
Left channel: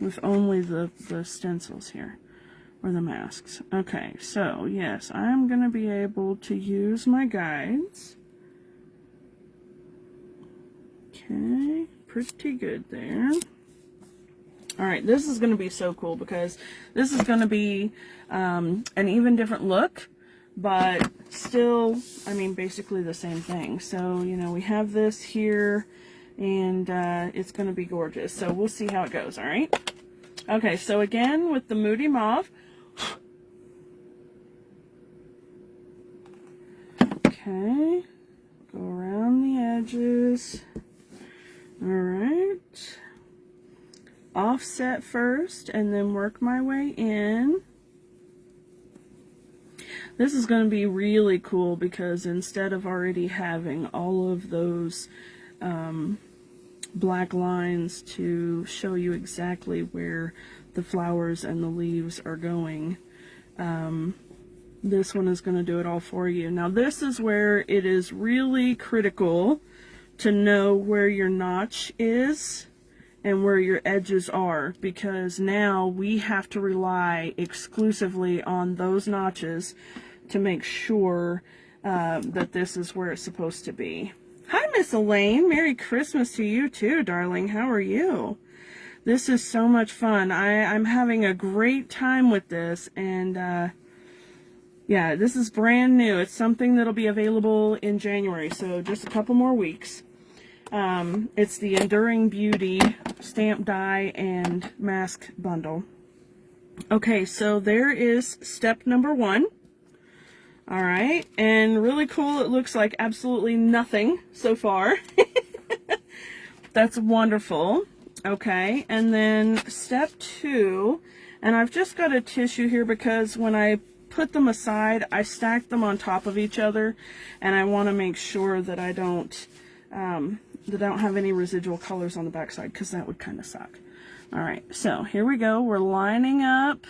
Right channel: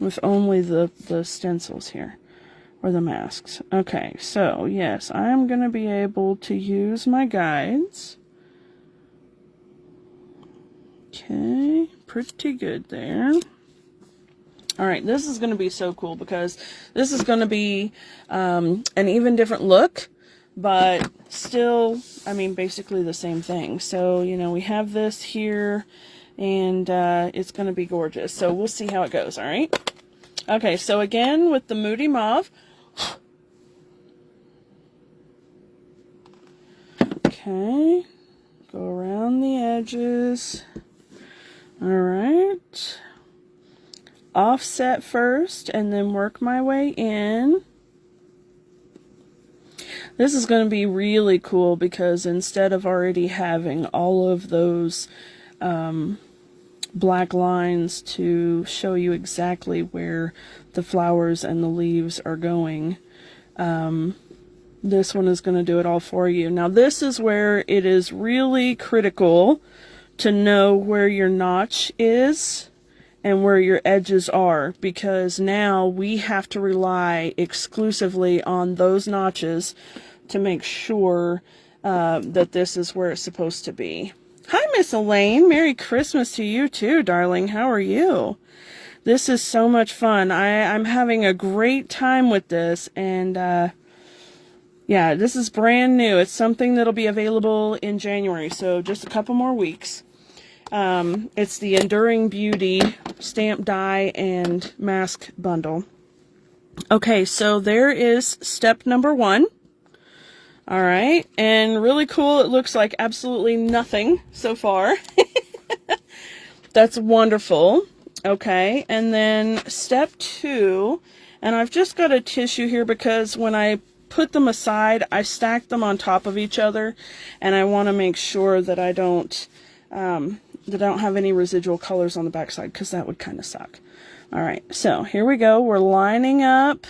the stencils here. Or the masks. Okay, so yes, I'm going to be able to use my guides. Okay, pretty good there. Alright, this is going to be so cool because this is going to be an even different look, but still, I mean, basically the same thing. So, you know, we have this here, and it's going to be gorgeous. So we'll see how it goes, alright? Okay, so again, with the Moody Mauve, okay, go around the edges. Alright, offset first and then work my way in. This is going to be really cool because instead of already having all of those black lines to show you exactly where the flowers and the leaves are going, this one is going to do it all for you. Now this is where it is really critical to know where your notch is and where your edges are, because now we have to rely exclusively on those notches to make sure that this is where it's supposed to be. Hi, Miss Elaine. Merry Christmas to you too, darling. How are you? This is so much fun. I'm having a great time with this, and yeah, this is brand new. It's something that'll be available in January, so just a couple more weeks. It's the Enduring Beauty Stamp Die and Mask Bundle. Okay, so there is step number 1. All right, and really cool. It looks like absolutely nothing so far. That's wonderful. Okay, and then step 2, and I've just got a tissue here because when I put them aside, I stack them on top of each other, and I want to make sure that I don't have any residual colors on the backside, because that would kind of suck. All right, so here we go. We're lining up.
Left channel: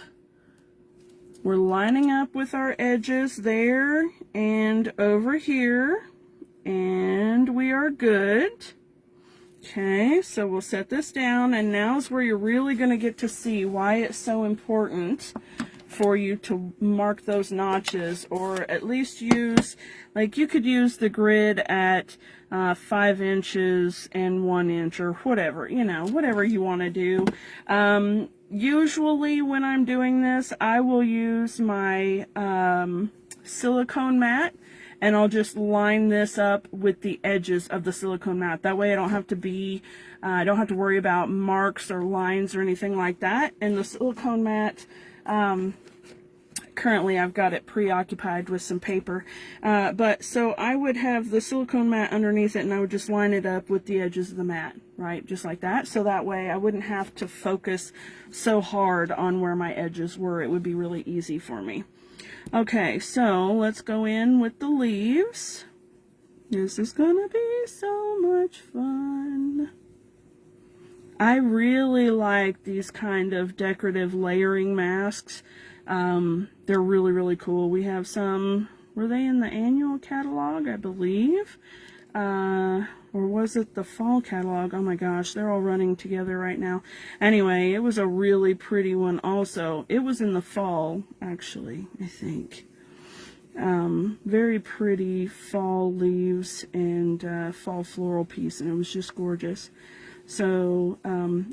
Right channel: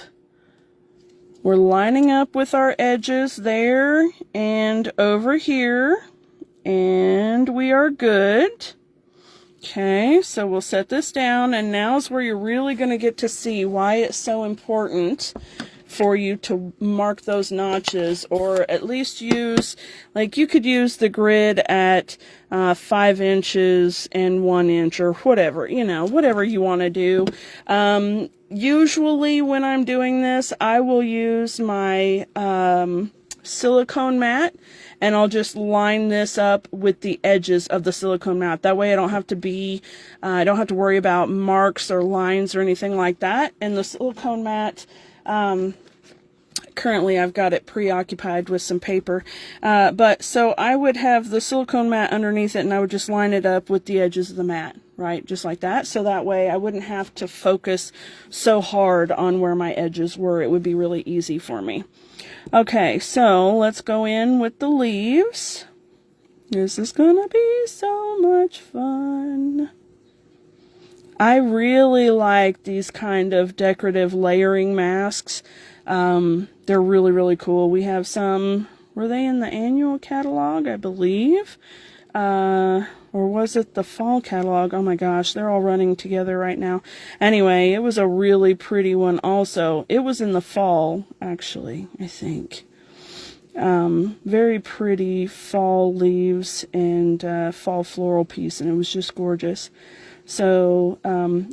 We're lining up with our edges there and over here, and we are good. Okay, so we'll set this down, and now's where you're really going to get to see why it's so important for you to mark those notches, or at least use, like, you could use the grid at 5 inches and 1 inch, or whatever, you know, whatever you want to do. Usually when I'm doing this, I will use my silicone mat, and I'll just line this up with the edges of the silicone mat. That way I don't have to worry about marks or lines or anything like that. And the silicone mat, currently I've got it preoccupied with some paper, but so I would have the silicone mat underneath it, and I would just line it up with the edges of the mat, right, just like that. So that way I wouldn't have to focus so hard on where my edges were. It would be really easy for me. Okay, so let's go in with the leaves. This is gonna be so much fun. I really like these kind of decorative layering masks. They're really, really cool. We have some, were they in the annual catalog, I believe? Or was it the fall catalog? Oh my gosh, they're all running together right now. Anyway, it was a really pretty one also. It was in the fall, actually, I think. Very pretty fall leaves and fall floral piece, and it was just gorgeous. So,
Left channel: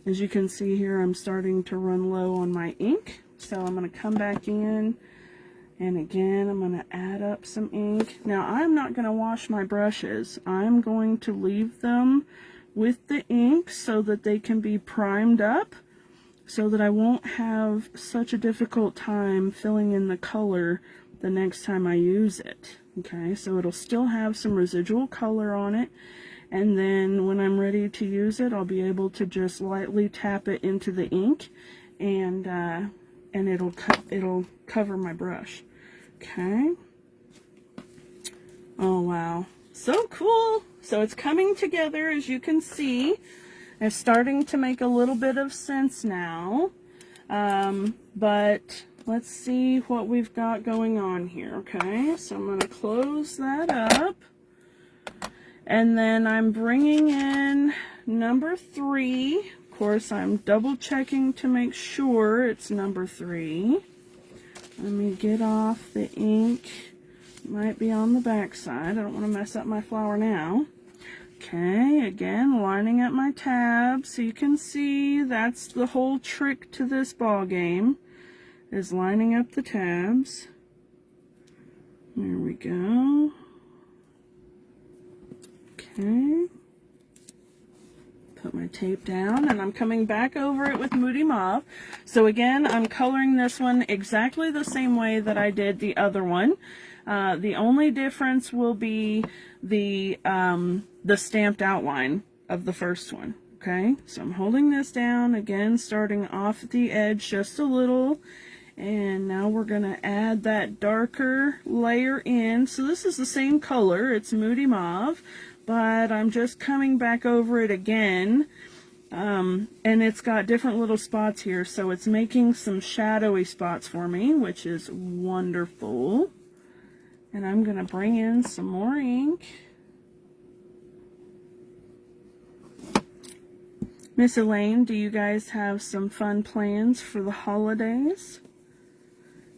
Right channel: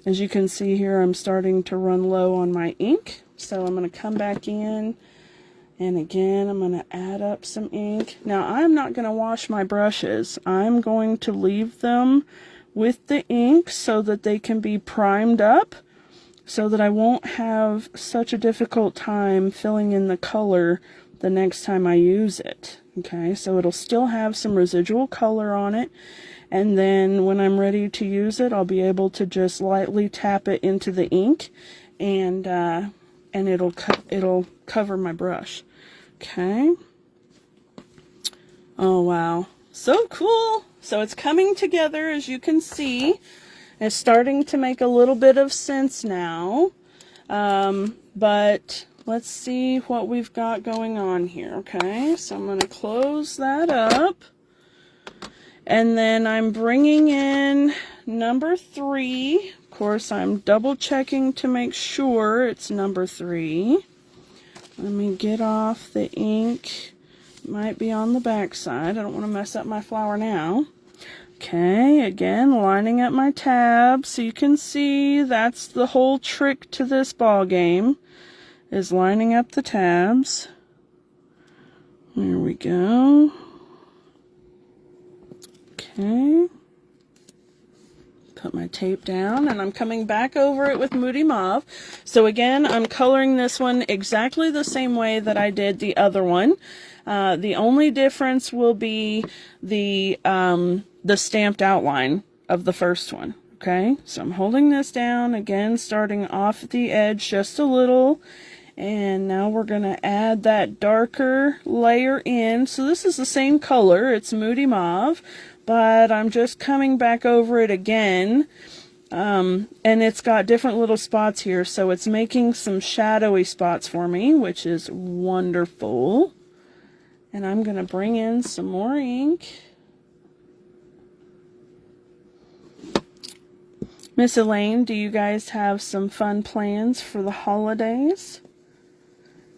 as you can see here, I'm starting to run low on my ink. So I'm going to come back in And again, I'm going to add up some ink. Now, I'm not going to wash my brushes. I'm going to leave them with the ink so that they can be primed up, so that I won't have such a difficult time filling in the color the next time I use it. Okay, so it'll still have some residual color on it, and then when I'm ready to use it, I'll be able to just lightly tap it into the ink, and it'll cover my brush. Okay. Oh wow, so cool. So it's coming together, as you can see. It's starting to make a little bit of sense now, but let's see what we've got going on here. Okay, so I'm going to close that up, and then I'm bringing in number 3. Of course, I'm double checking to make sure it's number 3. Let me get off the ink. It might be on the back side. I don't want to mess up my flower now. Okay, again, lining up my tabs, so you can see that's the whole trick to this ball game, is lining up the tabs. There we go. Okay. Put my tape down, and I'm coming back over it with Moody Mauve. So again, I'm coloring this one exactly the same way that I did the other one. The only difference will be the stamped outline of the first one. Okay, so I'm holding this down, again, starting off at the edge just a little, and now we're going to add that darker layer in. So this is the same color, it's Moody Mauve, but I'm just coming back over it again, and it's got different little spots here, so it's making some shadowy spots for me, which is wonderful. And I'm going to bring in some more ink. Miss Elaine, do you guys have some fun plans for the holidays?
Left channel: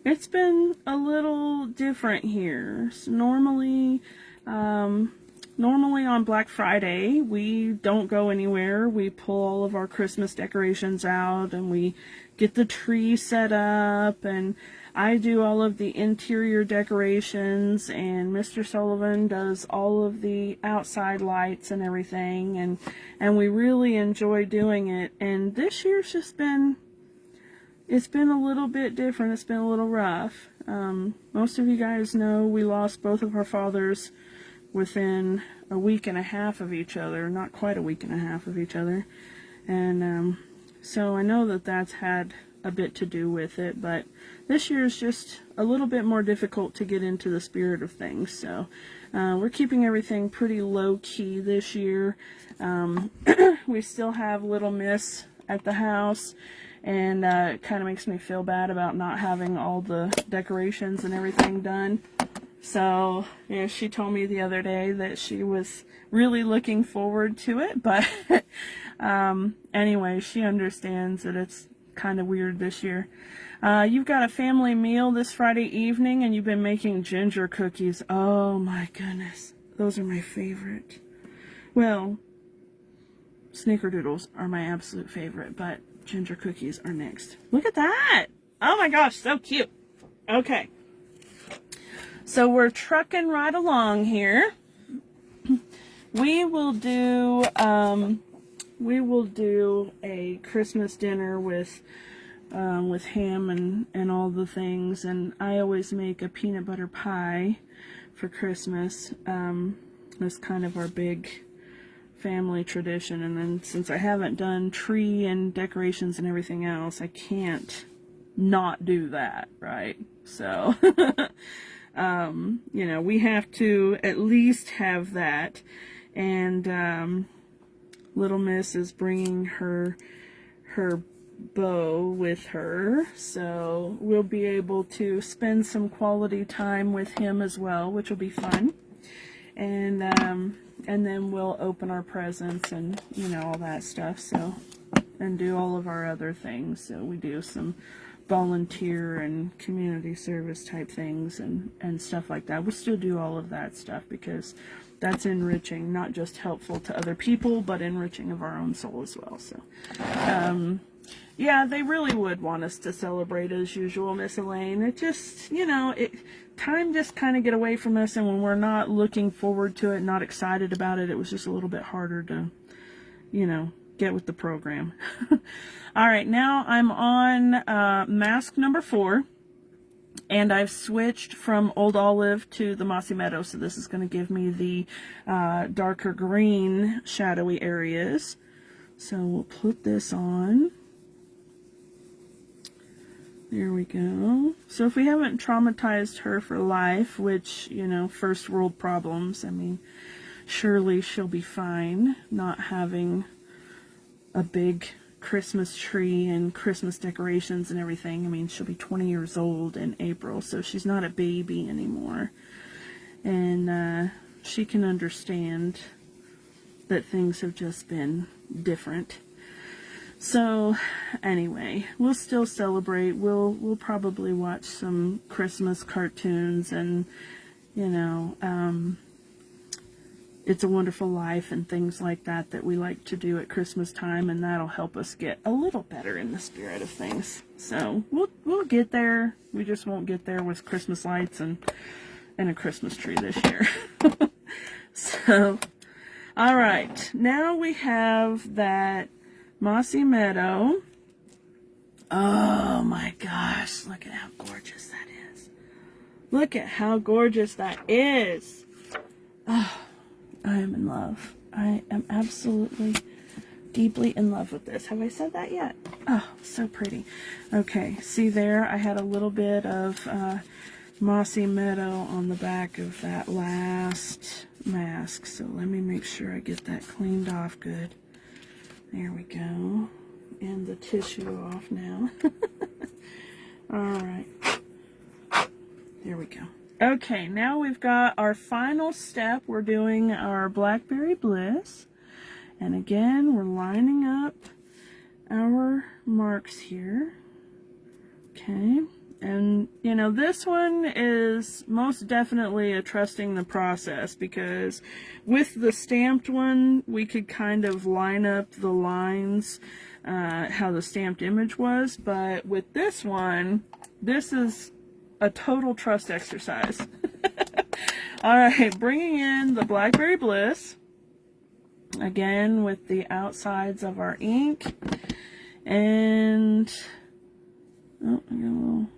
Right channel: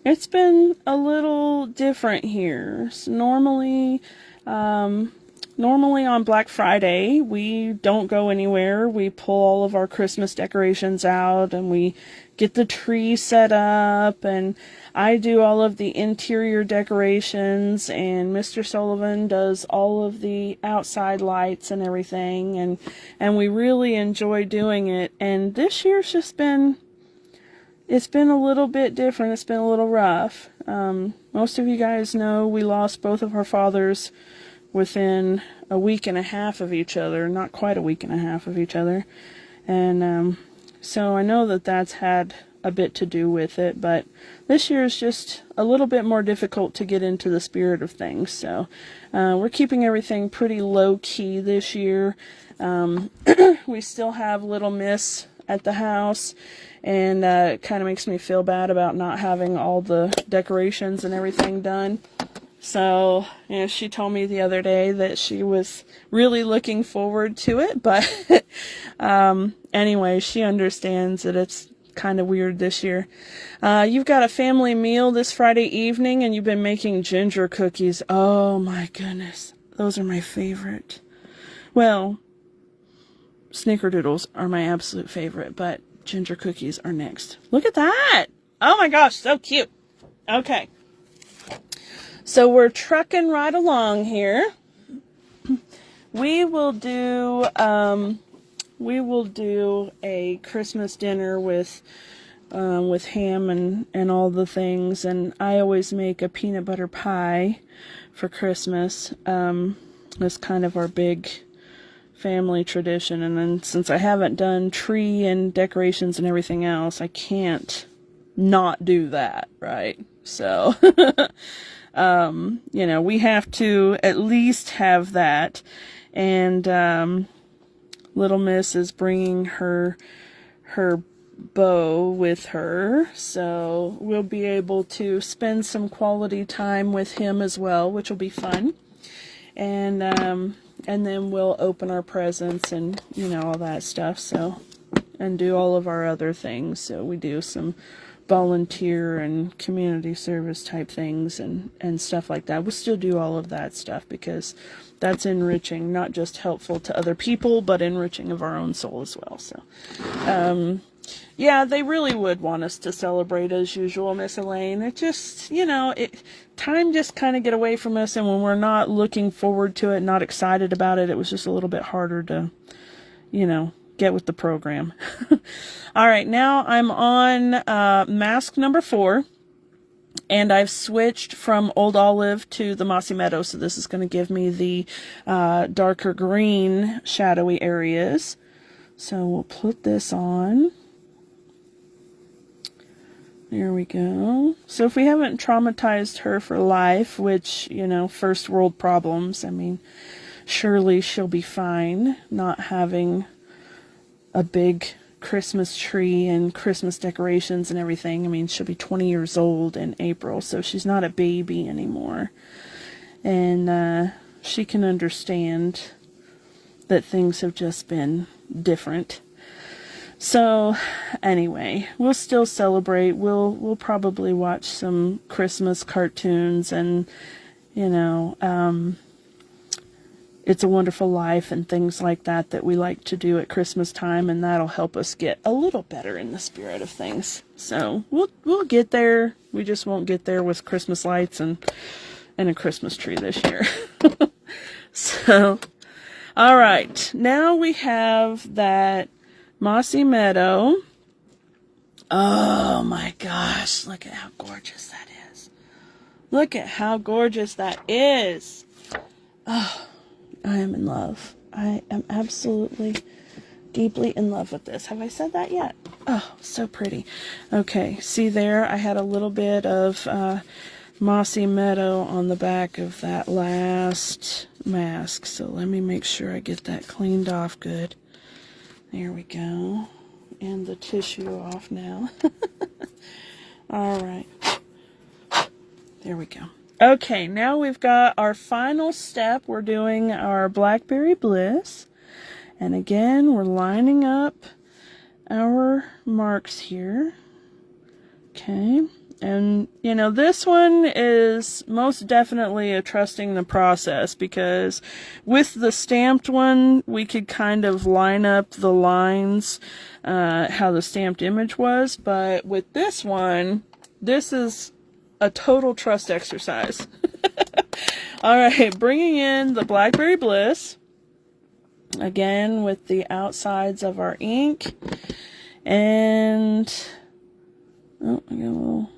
It's been a little different here. So normally on Black Friday, we don't go anywhere. We pull all of our Christmas decorations out, and we get the tree set up, and I do all of the interior decorations, and Mr. Sullivan does all of the outside lights and everything, and we really enjoy doing it. And this year's just been, it's been a little bit different. It's been a little rough. Most of you guys know we lost both of our fathers within a week and a half of each other, not quite a week and a half of each other, and so I know that that's had a bit to do with it, but this year is just a little bit more difficult to get into the spirit of things, so we're keeping everything pretty low-key this year. We still have little Miss at the house, and it kind of makes me feel bad about not having all the decorations and everything done. So, you know, she told me the other day that she was really looking forward to it, but anyway, she understands that it's kind of weird this year. You've got a family meal this Friday evening, and you've been making ginger cookies. Oh my goodness, those are my favorite. Well, snickerdoodles are my absolute favorite, but ginger cookies are next. Look at that! Oh my gosh, so cute. Okay. So we're trucking right along here. We will do a Christmas dinner with ham and all the things, and I always make a peanut butter pie for Christmas. That's kind of our big family tradition, and then since I haven't done tree and decorations and everything else, I can't not do that, right? So you know, we have to at least have that. And little Miss is bringing her beau with her, so we'll be able to spend some quality time with him as well, which will be fun. And then we'll open our presents and, you know, all that stuff, so, and do all of our other things. So we do some volunteer and community service type things and stuff like that. We'll still do all of that stuff because that's enriching, not just helpful to other people, but enriching of our own soul as well. So Yeah, they really would want us to celebrate as usual, Miss Elaine. It just, time just kind of get away from us, and when we're not looking forward to it, not excited about it, it was just a little bit harder to, get with the program. All right, now I'm on mask number 4, and I've switched from Old Olive to the Mossy Meadow, so this is going to give me the darker green shadowy areas. So we'll put this on. There we go. So if we haven't traumatized her for life, which, first world problems, I mean, surely she'll be fine not having a big Christmas tree and Christmas decorations and everything. I mean, she'll be 20 years old in April, so she's not a baby anymore. And she can understand that things have just been different. So anyway, we'll still celebrate. We'll probably watch some Christmas cartoons and, It's a Wonderful Life and things like that we like to do at Christmas time, and that'll help us get a little better in the spirit of things. So we'll get there. We just won't get there with Christmas lights and a Christmas tree this year. So, all right, now we have that Mossy Meadow. Oh my gosh, look at how gorgeous that is. Look at how gorgeous that is. Oh, I am in love. I am absolutely deeply in love with this. Have I said that yet? Oh, so pretty. Okay, see there, I had a little bit of Mossy Meadow on the back of that last mask. So let me make sure I get that cleaned off good. There we go. And the tissue off now. All right. There we go. Okay, now we've got our final step. We're doing our Blackberry Bliss. And again, we're lining up our marks here. Okay. And, this one is most definitely a trusting the process, because with the stamped one, we could kind of line up the lines how the stamped image was. But with this one, this is a total trust exercise. All right, bringing in the Blackberry Bliss. Again, with the outsides of our ink. And, oh, I got a little...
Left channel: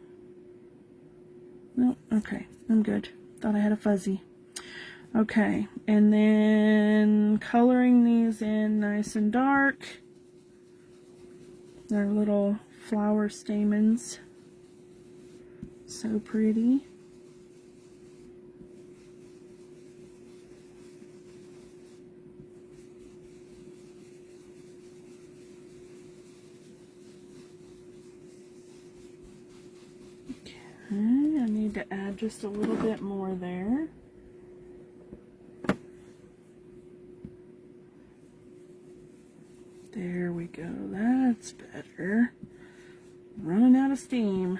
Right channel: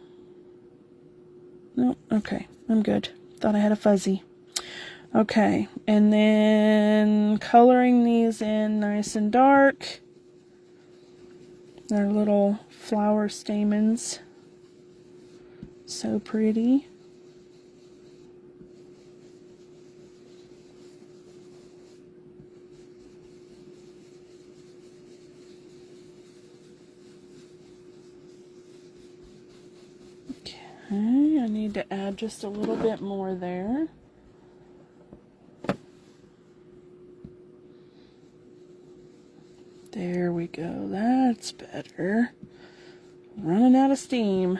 No, okay, I'm good. Thought I had a fuzzy. Okay, and then coloring these in nice and dark. They're little flower stamens. So pretty. Okay, I need to add just a little bit more there. There we go, that's better. Running out of steam.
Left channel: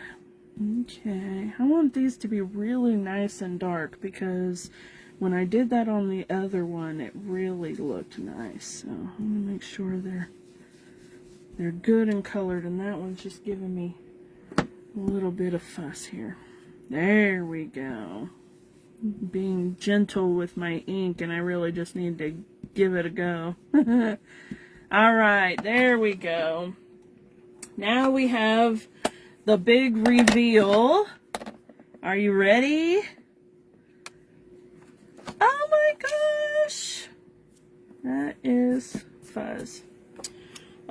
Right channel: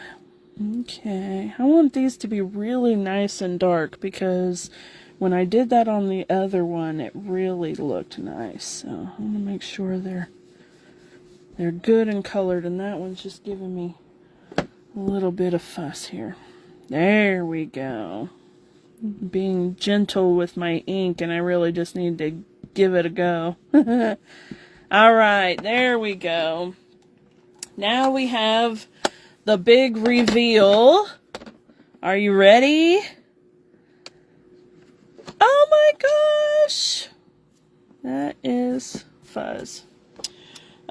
Okay, I want these to be really nice and dark, because when I did that on the other one, it really looked nice. So I'm going to make sure they're good and colored, and that one's just giving me a little bit of fuss here. There we go. Being gentle with my ink, and I really just need to give it a go. All right, there we go. Now we have the big reveal. Are you ready? Oh my gosh! That is fuzz.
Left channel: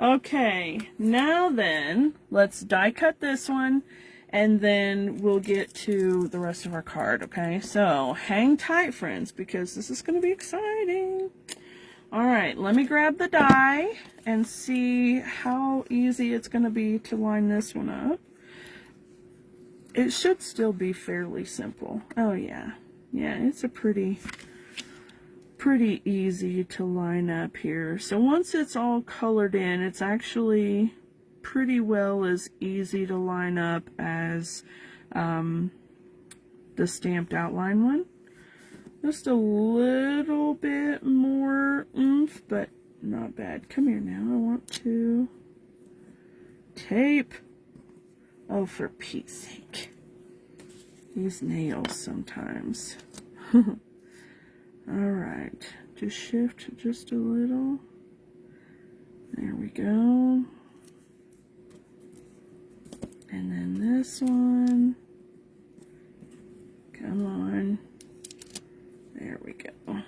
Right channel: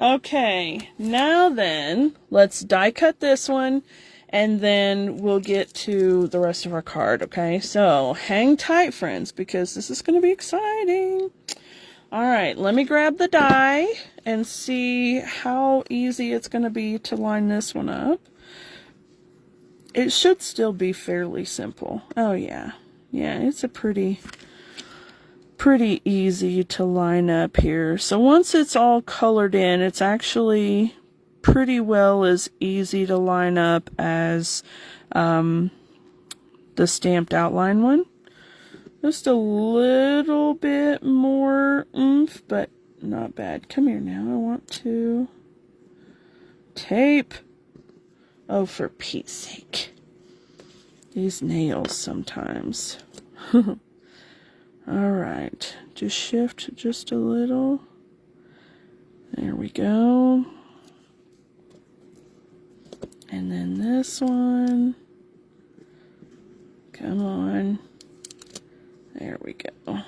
Okay, now then, let's die cut this one, and then we'll get to the rest of our card, okay? So, hang tight, friends, because this is going to be exciting. Alright, let me grab the die and see how easy it's going to be to line this one up. It should still be fairly simple. Oh, yeah. Yeah, it's a pretty easy to line up here. So once it's all colored in, it's actually pretty well as easy to line up as the stamped outline one. Just a little bit more oomph, but not bad. Come here now. I want to Tape. Oh, for Pete's sake. These nails sometimes. Alright, just shift just a little. There we go. And then this one. Come on. There we go.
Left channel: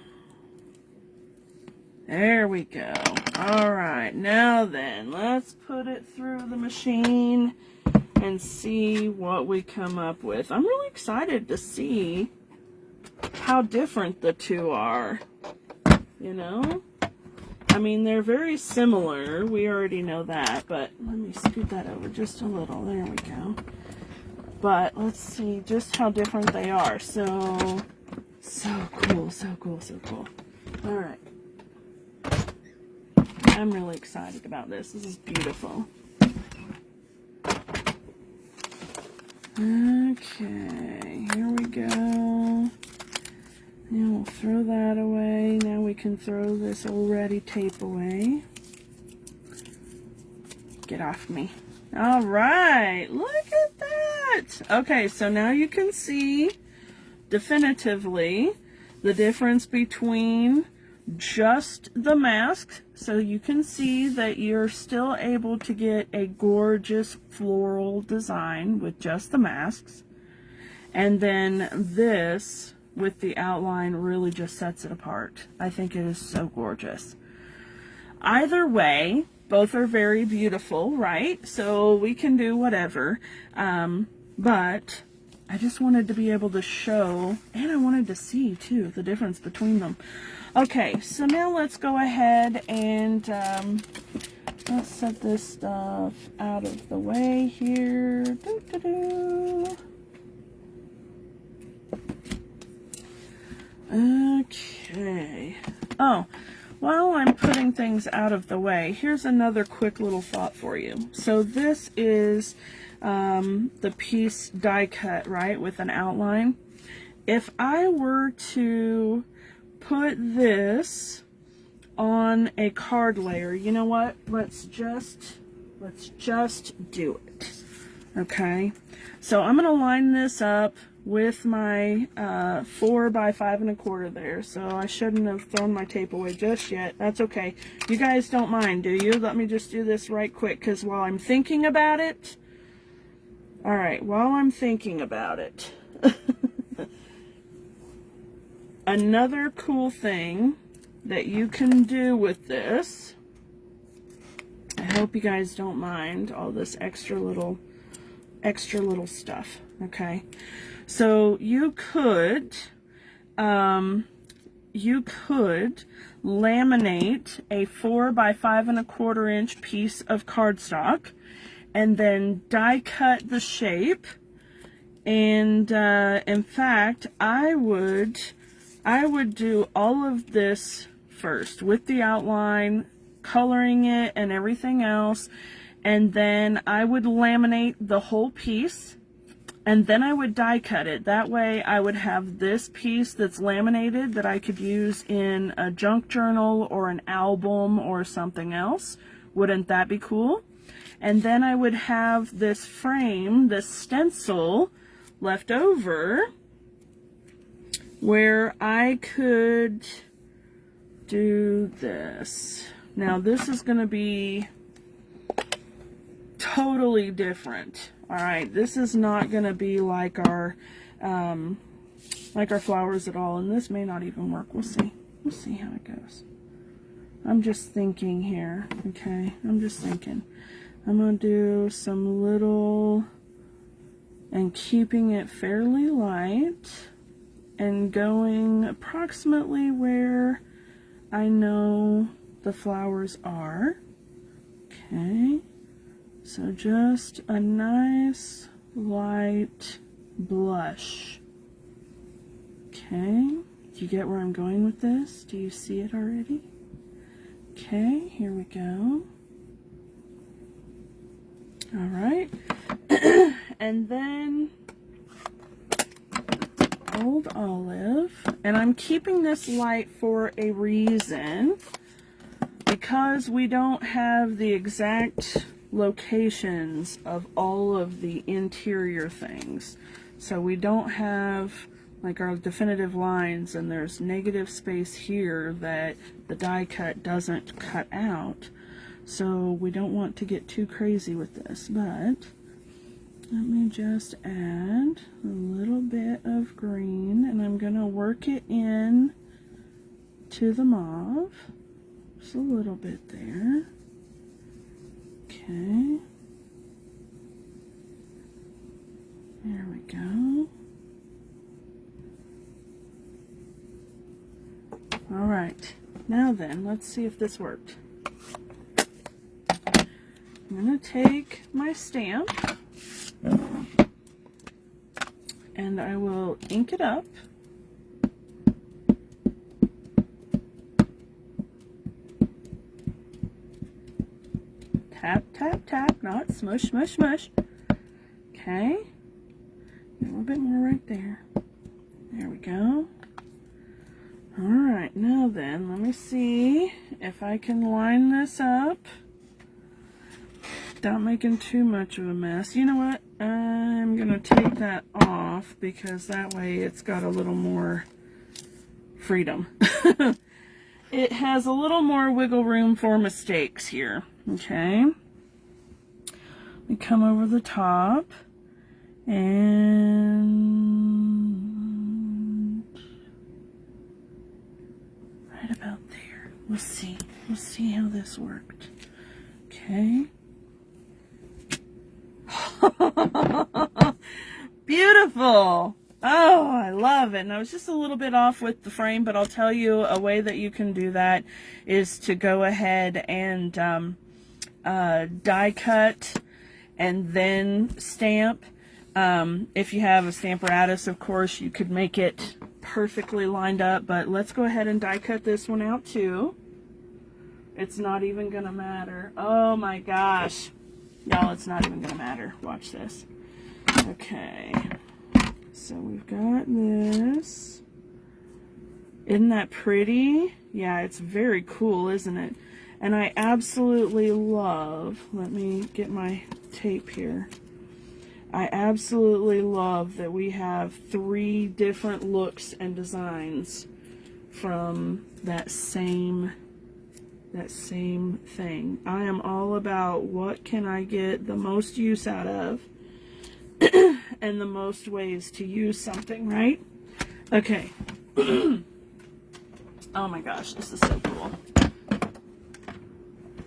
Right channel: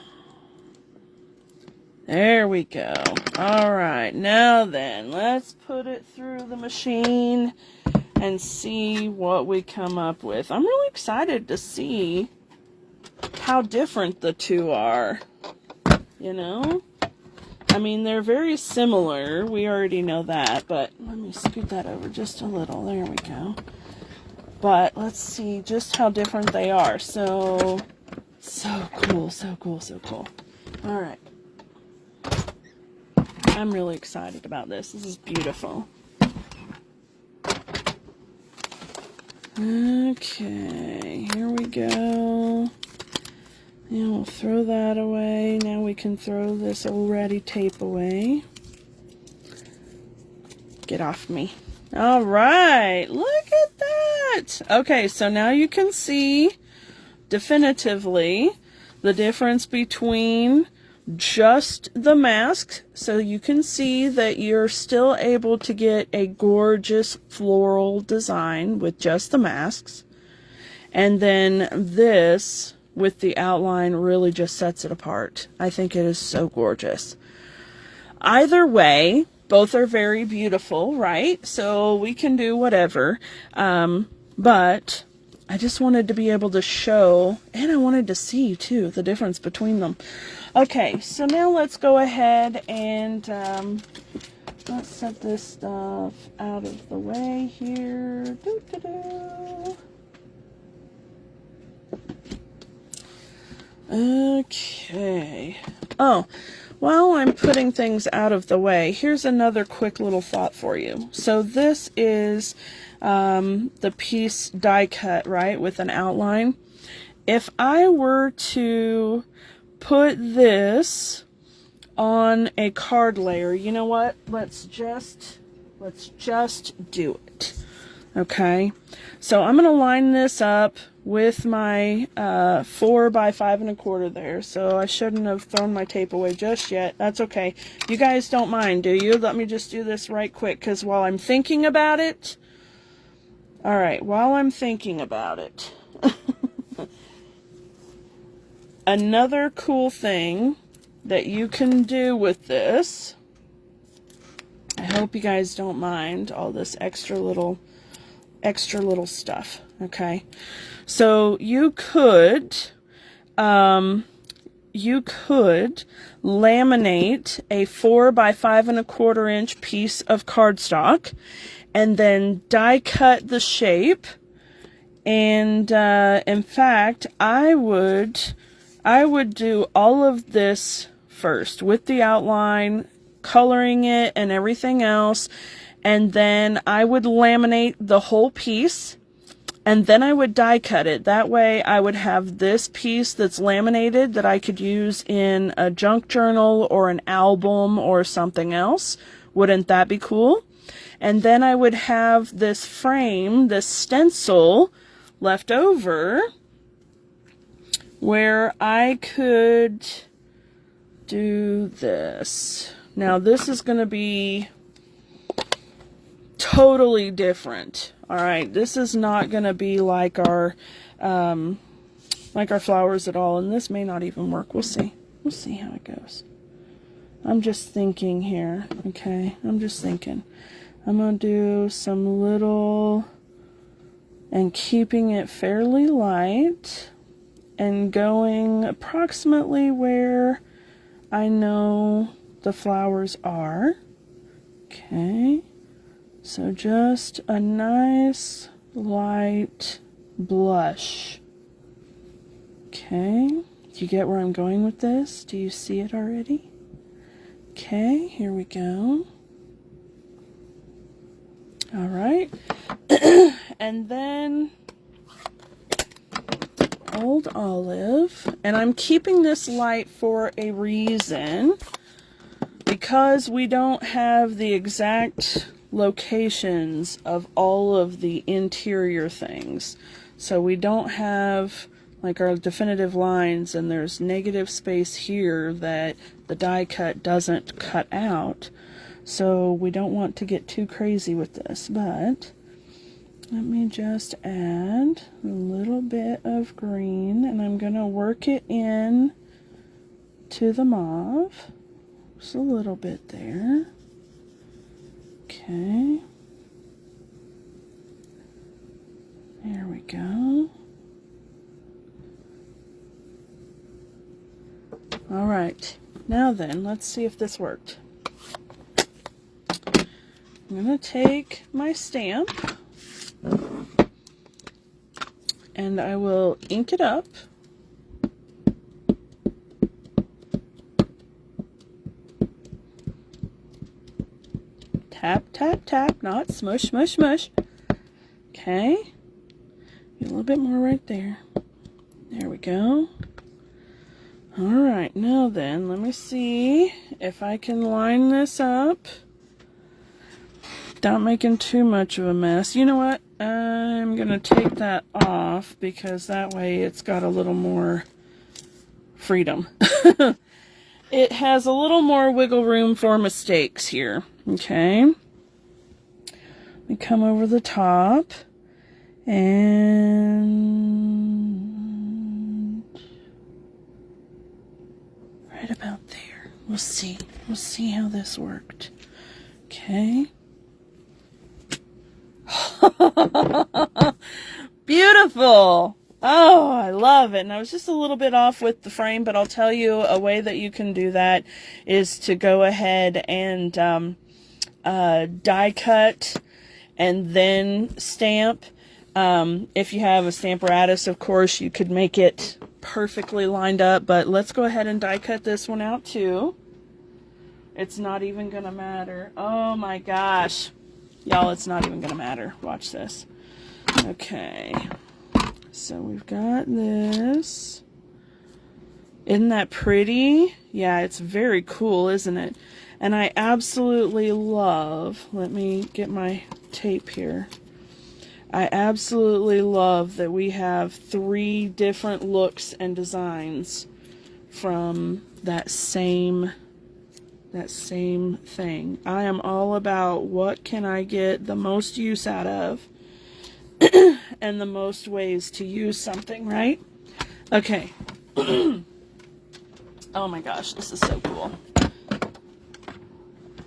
There we go. Alright, now then, let's put it through the machine and see what we come up with. I'm really excited to see how different the two are. You know? I mean, they're very similar. We already know that, but let me scoot that over just a little. There we go. But let's see just how different they are. So cool, so cool, so cool. All right. I'm really excited about this. This is beautiful. Okay, here we go. And we'll throw that away. Now we can throw this already tape away. Get off me. All right, look at that. Okay, so now you can see definitively the difference between just the mask. So you can see that you're still able to get a gorgeous floral design with just the masks. And then this with the outline really just sets it apart. I think it is so gorgeous. Either way, both are very beautiful, right? So we can do whatever. But I just wanted to be able to show, and I wanted to see too, the difference between them. Okay, so now let's go ahead and let's set this stuff out of the way here. Doo-doo-doo. Okay. Oh, while I'm putting things out of the way, here's another quick little thought for you. So this is the piece die cut, right, with an outline. If I were to put this on a card layer, you know what? Let's just do it. Okay. So I'm going to line this up with my 4 by 5 1/4 there. So I shouldn't have thrown my tape away just yet. That's okay. You guys don't mind, do you? Let me just do this right quick, because while I'm thinking about it, all right, while I'm thinking about it, another cool thing that you can do with this, I hope you guys don't mind all this extra little stuff, okay? So you could laminate a 4 by 5 1/4 inch piece of cardstock and then die cut the shape. And in fact, I would do all of this first with the outline, coloring it and everything else, and then I would laminate the whole piece, and then I would die cut it. That way I would have this piece that's laminated that I could use in a junk journal or an album or something else. Wouldn't that be cool? And then I would have this frame, this stencil left over, where I could do this. Now this is going to be totally different. All right, this is not going to be like our flowers at all, and this may not even work. We'll see. We'll see how it goes. I'm just thinking here, okay? I'm just thinking. I'm going to do some little, and keeping it fairly light, and going approximately where I know the flowers are. Okay. So just a nice light blush. Okay. Do you get where I'm going with this? Do you see it already? Okay, here we go. All right. And then Old Olive. And I'm keeping this light for a reason, because we don't have the exact locations of all of the interior things. So we don't have like our definitive lines, and there's negative space here that the die cut doesn't cut out. So we don't want to get too crazy with this, but let me just add a little bit of green, and I'm going to work it in to the mauve. Just a little bit there. Okay. There we go. All right. Now then, let's see if this worked. I'm going to take my stamp and I will ink it up. Tap, tap, tap, not smush, smush, smush. Okay. A little bit more right there. There we go. All right, now then, let me see if I can line this up without making too much of a mess. You know what? I'm going to take that off because that way it's got a little more freedom. It has a little more wiggle room for mistakes here. Okay. We come over the top and right about there. We'll see. We'll see how this worked. Okay. Beautiful. Oh, I love it. And I was just a little bit off with the frame, but I'll tell you a way that you can do that is to go ahead and die cut and then stamp. If you have a Stamparatus, of course, you could make it perfectly lined up, but let's go ahead and die cut this one out too. It's not even gonna matter. Oh my gosh. Y'all, it's not even gonna matter. Watch this. Okay. So we've got this. Isn't that pretty? Yeah, it's very cool, isn't it? And I absolutely love, let me get my tape here. I absolutely love that we have 3 different looks and designs from that same thing. I am all about what can I get the most use out of and the most ways to use something, right? Okay. Oh my gosh, this is so cool.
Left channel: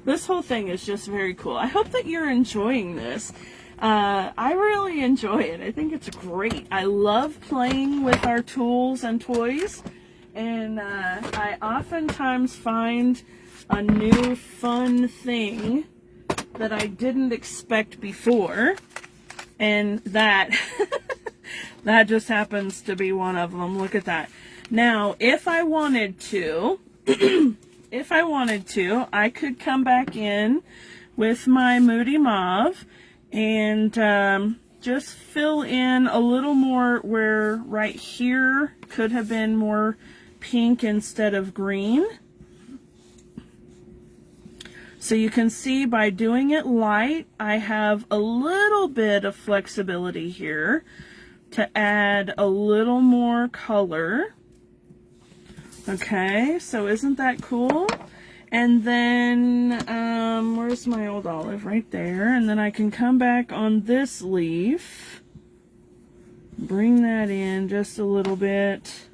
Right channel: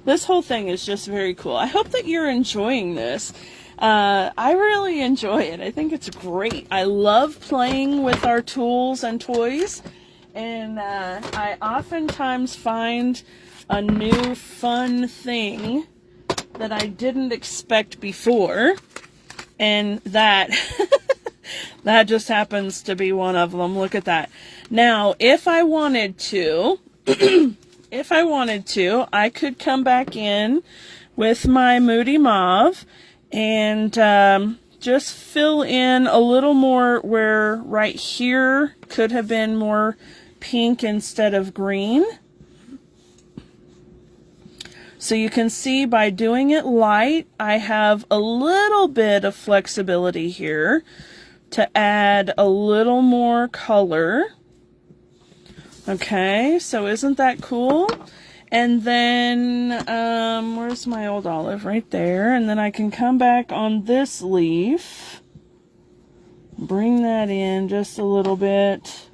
This whole thing is just very cool. I hope that you're enjoying this. I really enjoy it. I think it's great. I love playing with our tools and toys, and I oftentimes find a new fun thing that I didn't expect before, and that that just happens to be one of them. Look at that. Now, if I wanted to, I could come back in with my Moody Mauve and just fill in a little more where right here could have been more pink instead of green. So you can see by doing it light, I have a little bit of flexibility here to add a little more color. Okay, so isn't that cool? And then, where's my old olive? Right there. And then I can come back on this leaf, bring that in just a little bit.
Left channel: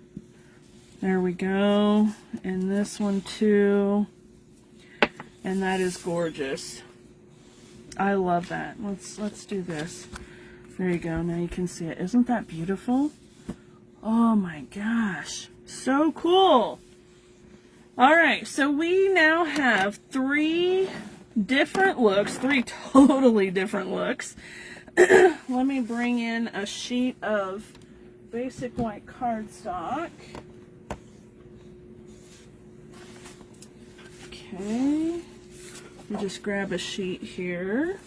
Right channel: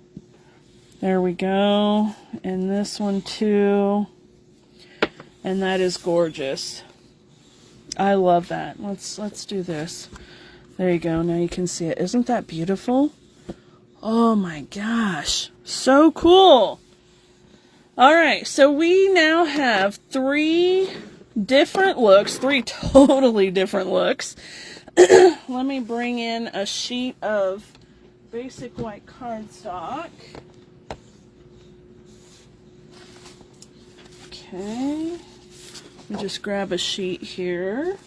There we go. And this one too. And that is gorgeous. I love that. Let's do this. There you go. Now you can see it. Isn't that beautiful? Oh my gosh. So cool. All right, so we now have 3 different looks, 3 totally different looks. Let me bring in a sheet of basic white cardstock. Okay, I'll just grab a sheet here.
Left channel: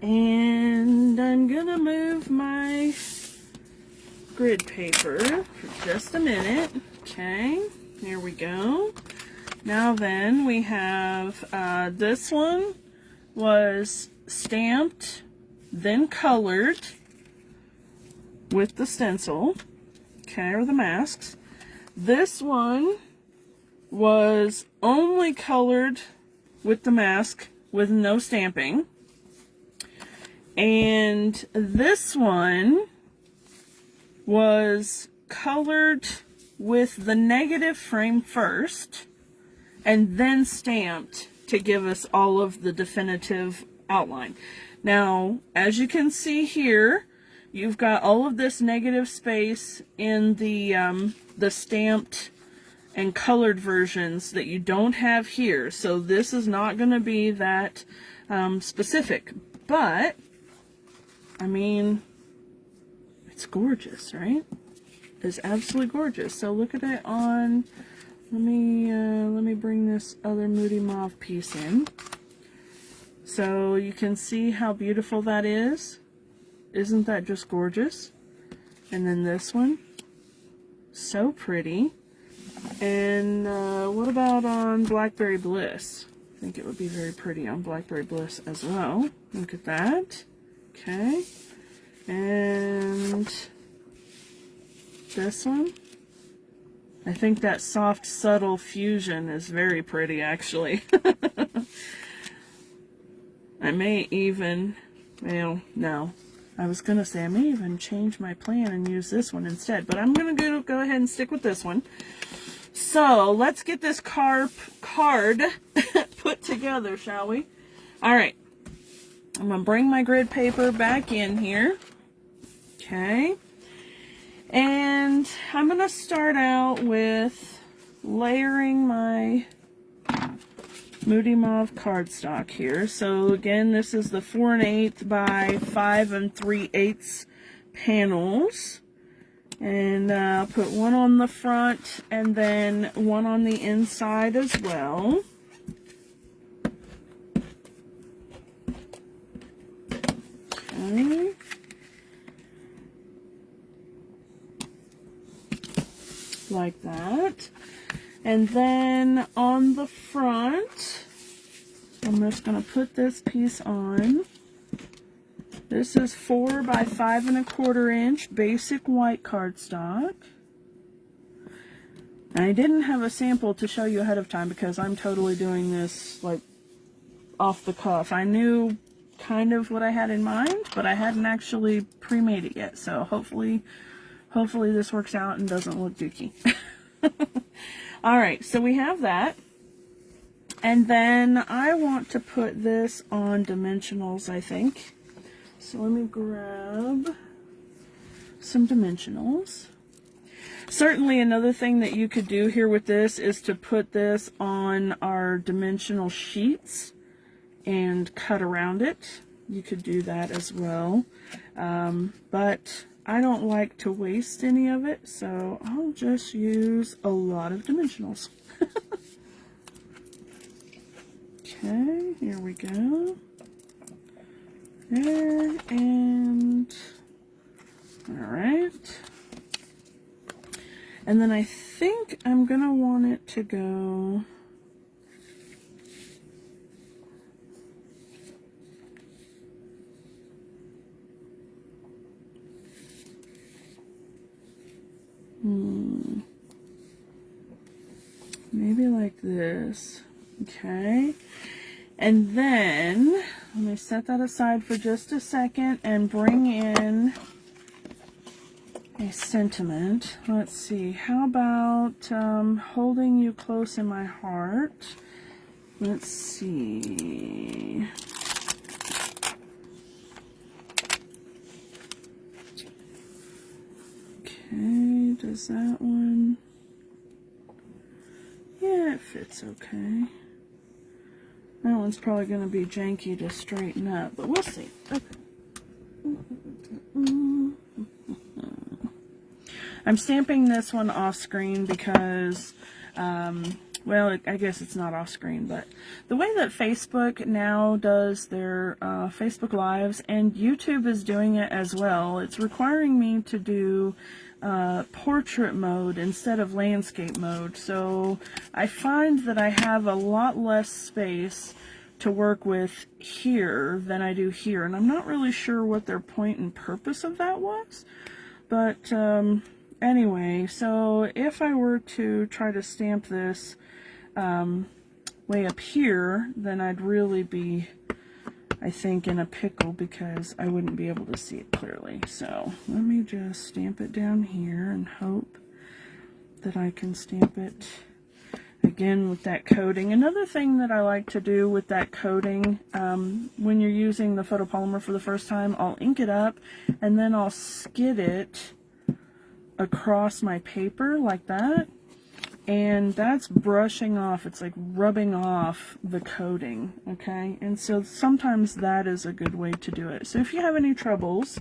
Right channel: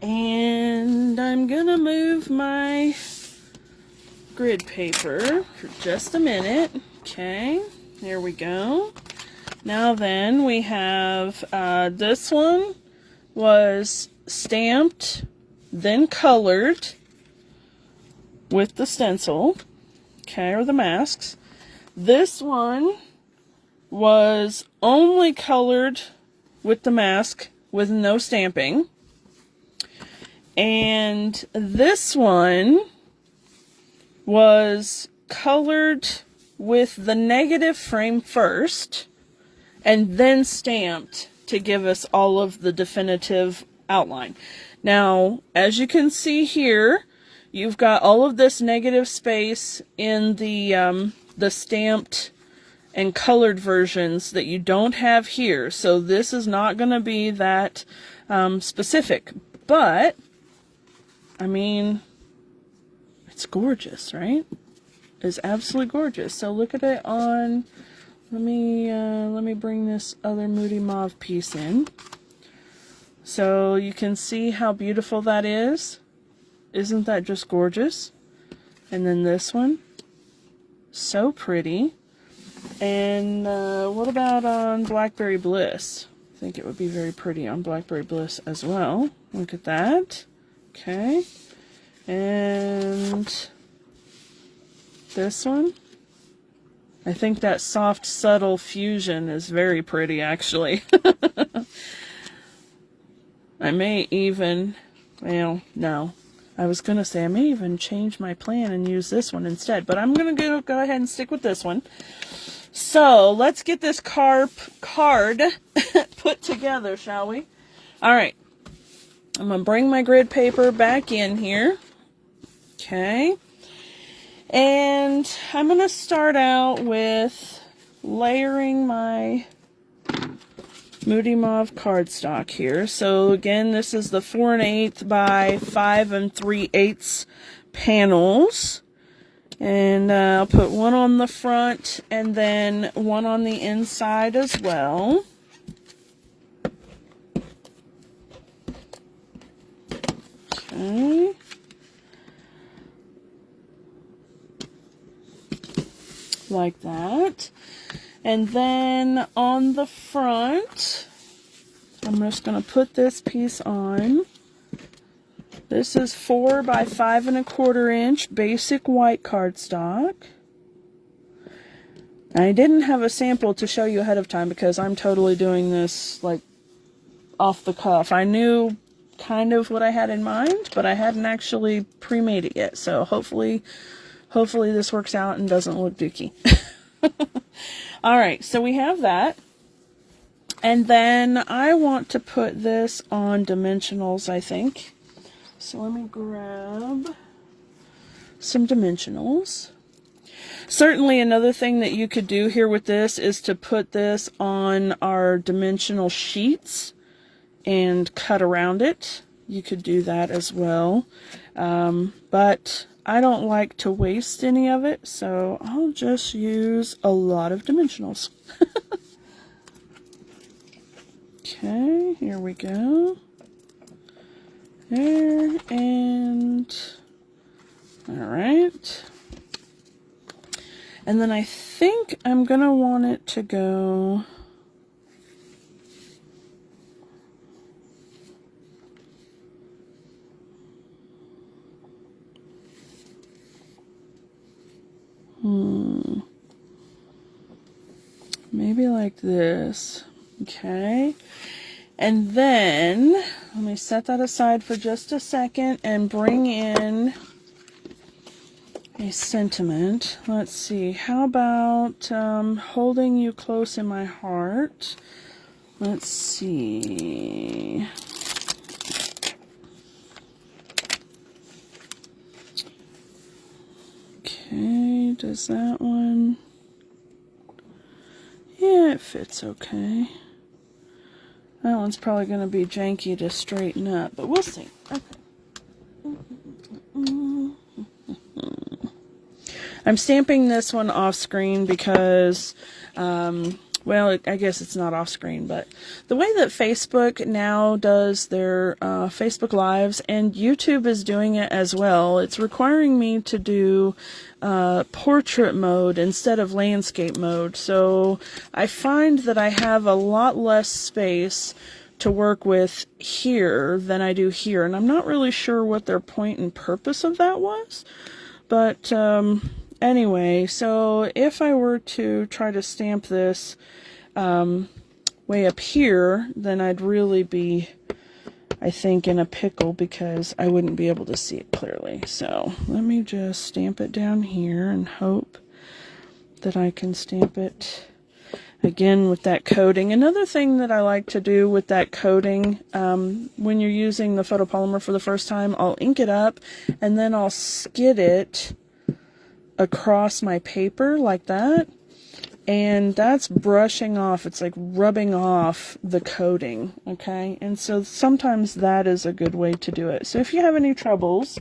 And I'm gonna move my grid paper for just a minute. Okay, there we go. Now then, we have this one was stamped, then colored with the stencil, okay, or the masks. This one was only colored with the mask with no stamping. And this one was colored with the negative frame first and then stamped to give us all of the definitive outline. Now, as you can see here, you've got all of this negative space in the stamped and colored versions that you don't have here. So this is not going to be that specific. But, I mean, it's gorgeous, right? It's absolutely gorgeous. So look at it on, let me bring this other Moody Mauve piece in. So you can see how beautiful that is. Isn't that just gorgeous? And then this one, so pretty. And what about on Blackberry Bliss? I think it would be very pretty on Blackberry Bliss as well. Look at that. Okay. And this one, I think that soft, subtle fusion is very pretty, actually. I may even, well, no. I was going to say I may even change my plan and use this one instead. But I'm going to go ahead and stick with this one. So, let's get this card put together, shall we? Alright. I'm going to bring my grid paper back in here. Okay. And I'm going to start out with layering my Moody Mauve cardstock here. So again, this is the 4 1/8 by 5 3/8 panels. And I'll put one on the front and then one on the inside as well. Okay. Like that. And then on the front, I'm just going to put this piece on. This is 4 by 5 1/4 inch basic white cardstock. And I didn't have a sample to show you ahead of time because I'm totally doing this like off the cuff. I knew kind of what I had in mind, but I hadn't actually pre-made it yet. So hopefully this works out and doesn't look dookie. Alright, so we have that. And then I want to put this on dimensionals, I think. So let me grab some dimensionals. Certainly another thing that you could do here with this is to put this on our dimensional sheets and cut around it. You could do that as well. But I don't like to waste any of it, so I'll just use a lot of dimensionals. Okay, here we go. There, and alright. And then I think I'm going to want it to go maybe like this. Okay. And then, let me set that aside for just a second and bring in a sentiment. Let's see. How about holding you close in my heart? Let's see. Okay, does that one? Yeah, it fits okay. That one's probably going to be janky to straighten up, but we'll see. Okay. I'm stamping this one off screen because well, I guess it's not off screen, but the way that Facebook now does their Facebook Lives, and YouTube is doing it as well, it's requiring me to do portrait mode instead of landscape mode. So I find that I have a lot less space to work with here than I do here, and I'm not really sure what their point and purpose of that was, but anyway, so if I were to try to stamp this way up here, then I'd really be, I think, in a pickle because I wouldn't be able to see it clearly. So let me just stamp it down here and hope that I can stamp it again with that coating. Another thing that I like to do with that coating, when you're using the photopolymer for the first time, I'll ink it up and then I'll skid it across my paper like that, and that's brushing off, it's like rubbing off the coating, okay? And so sometimes that is a good way to do it. So if you have any troubles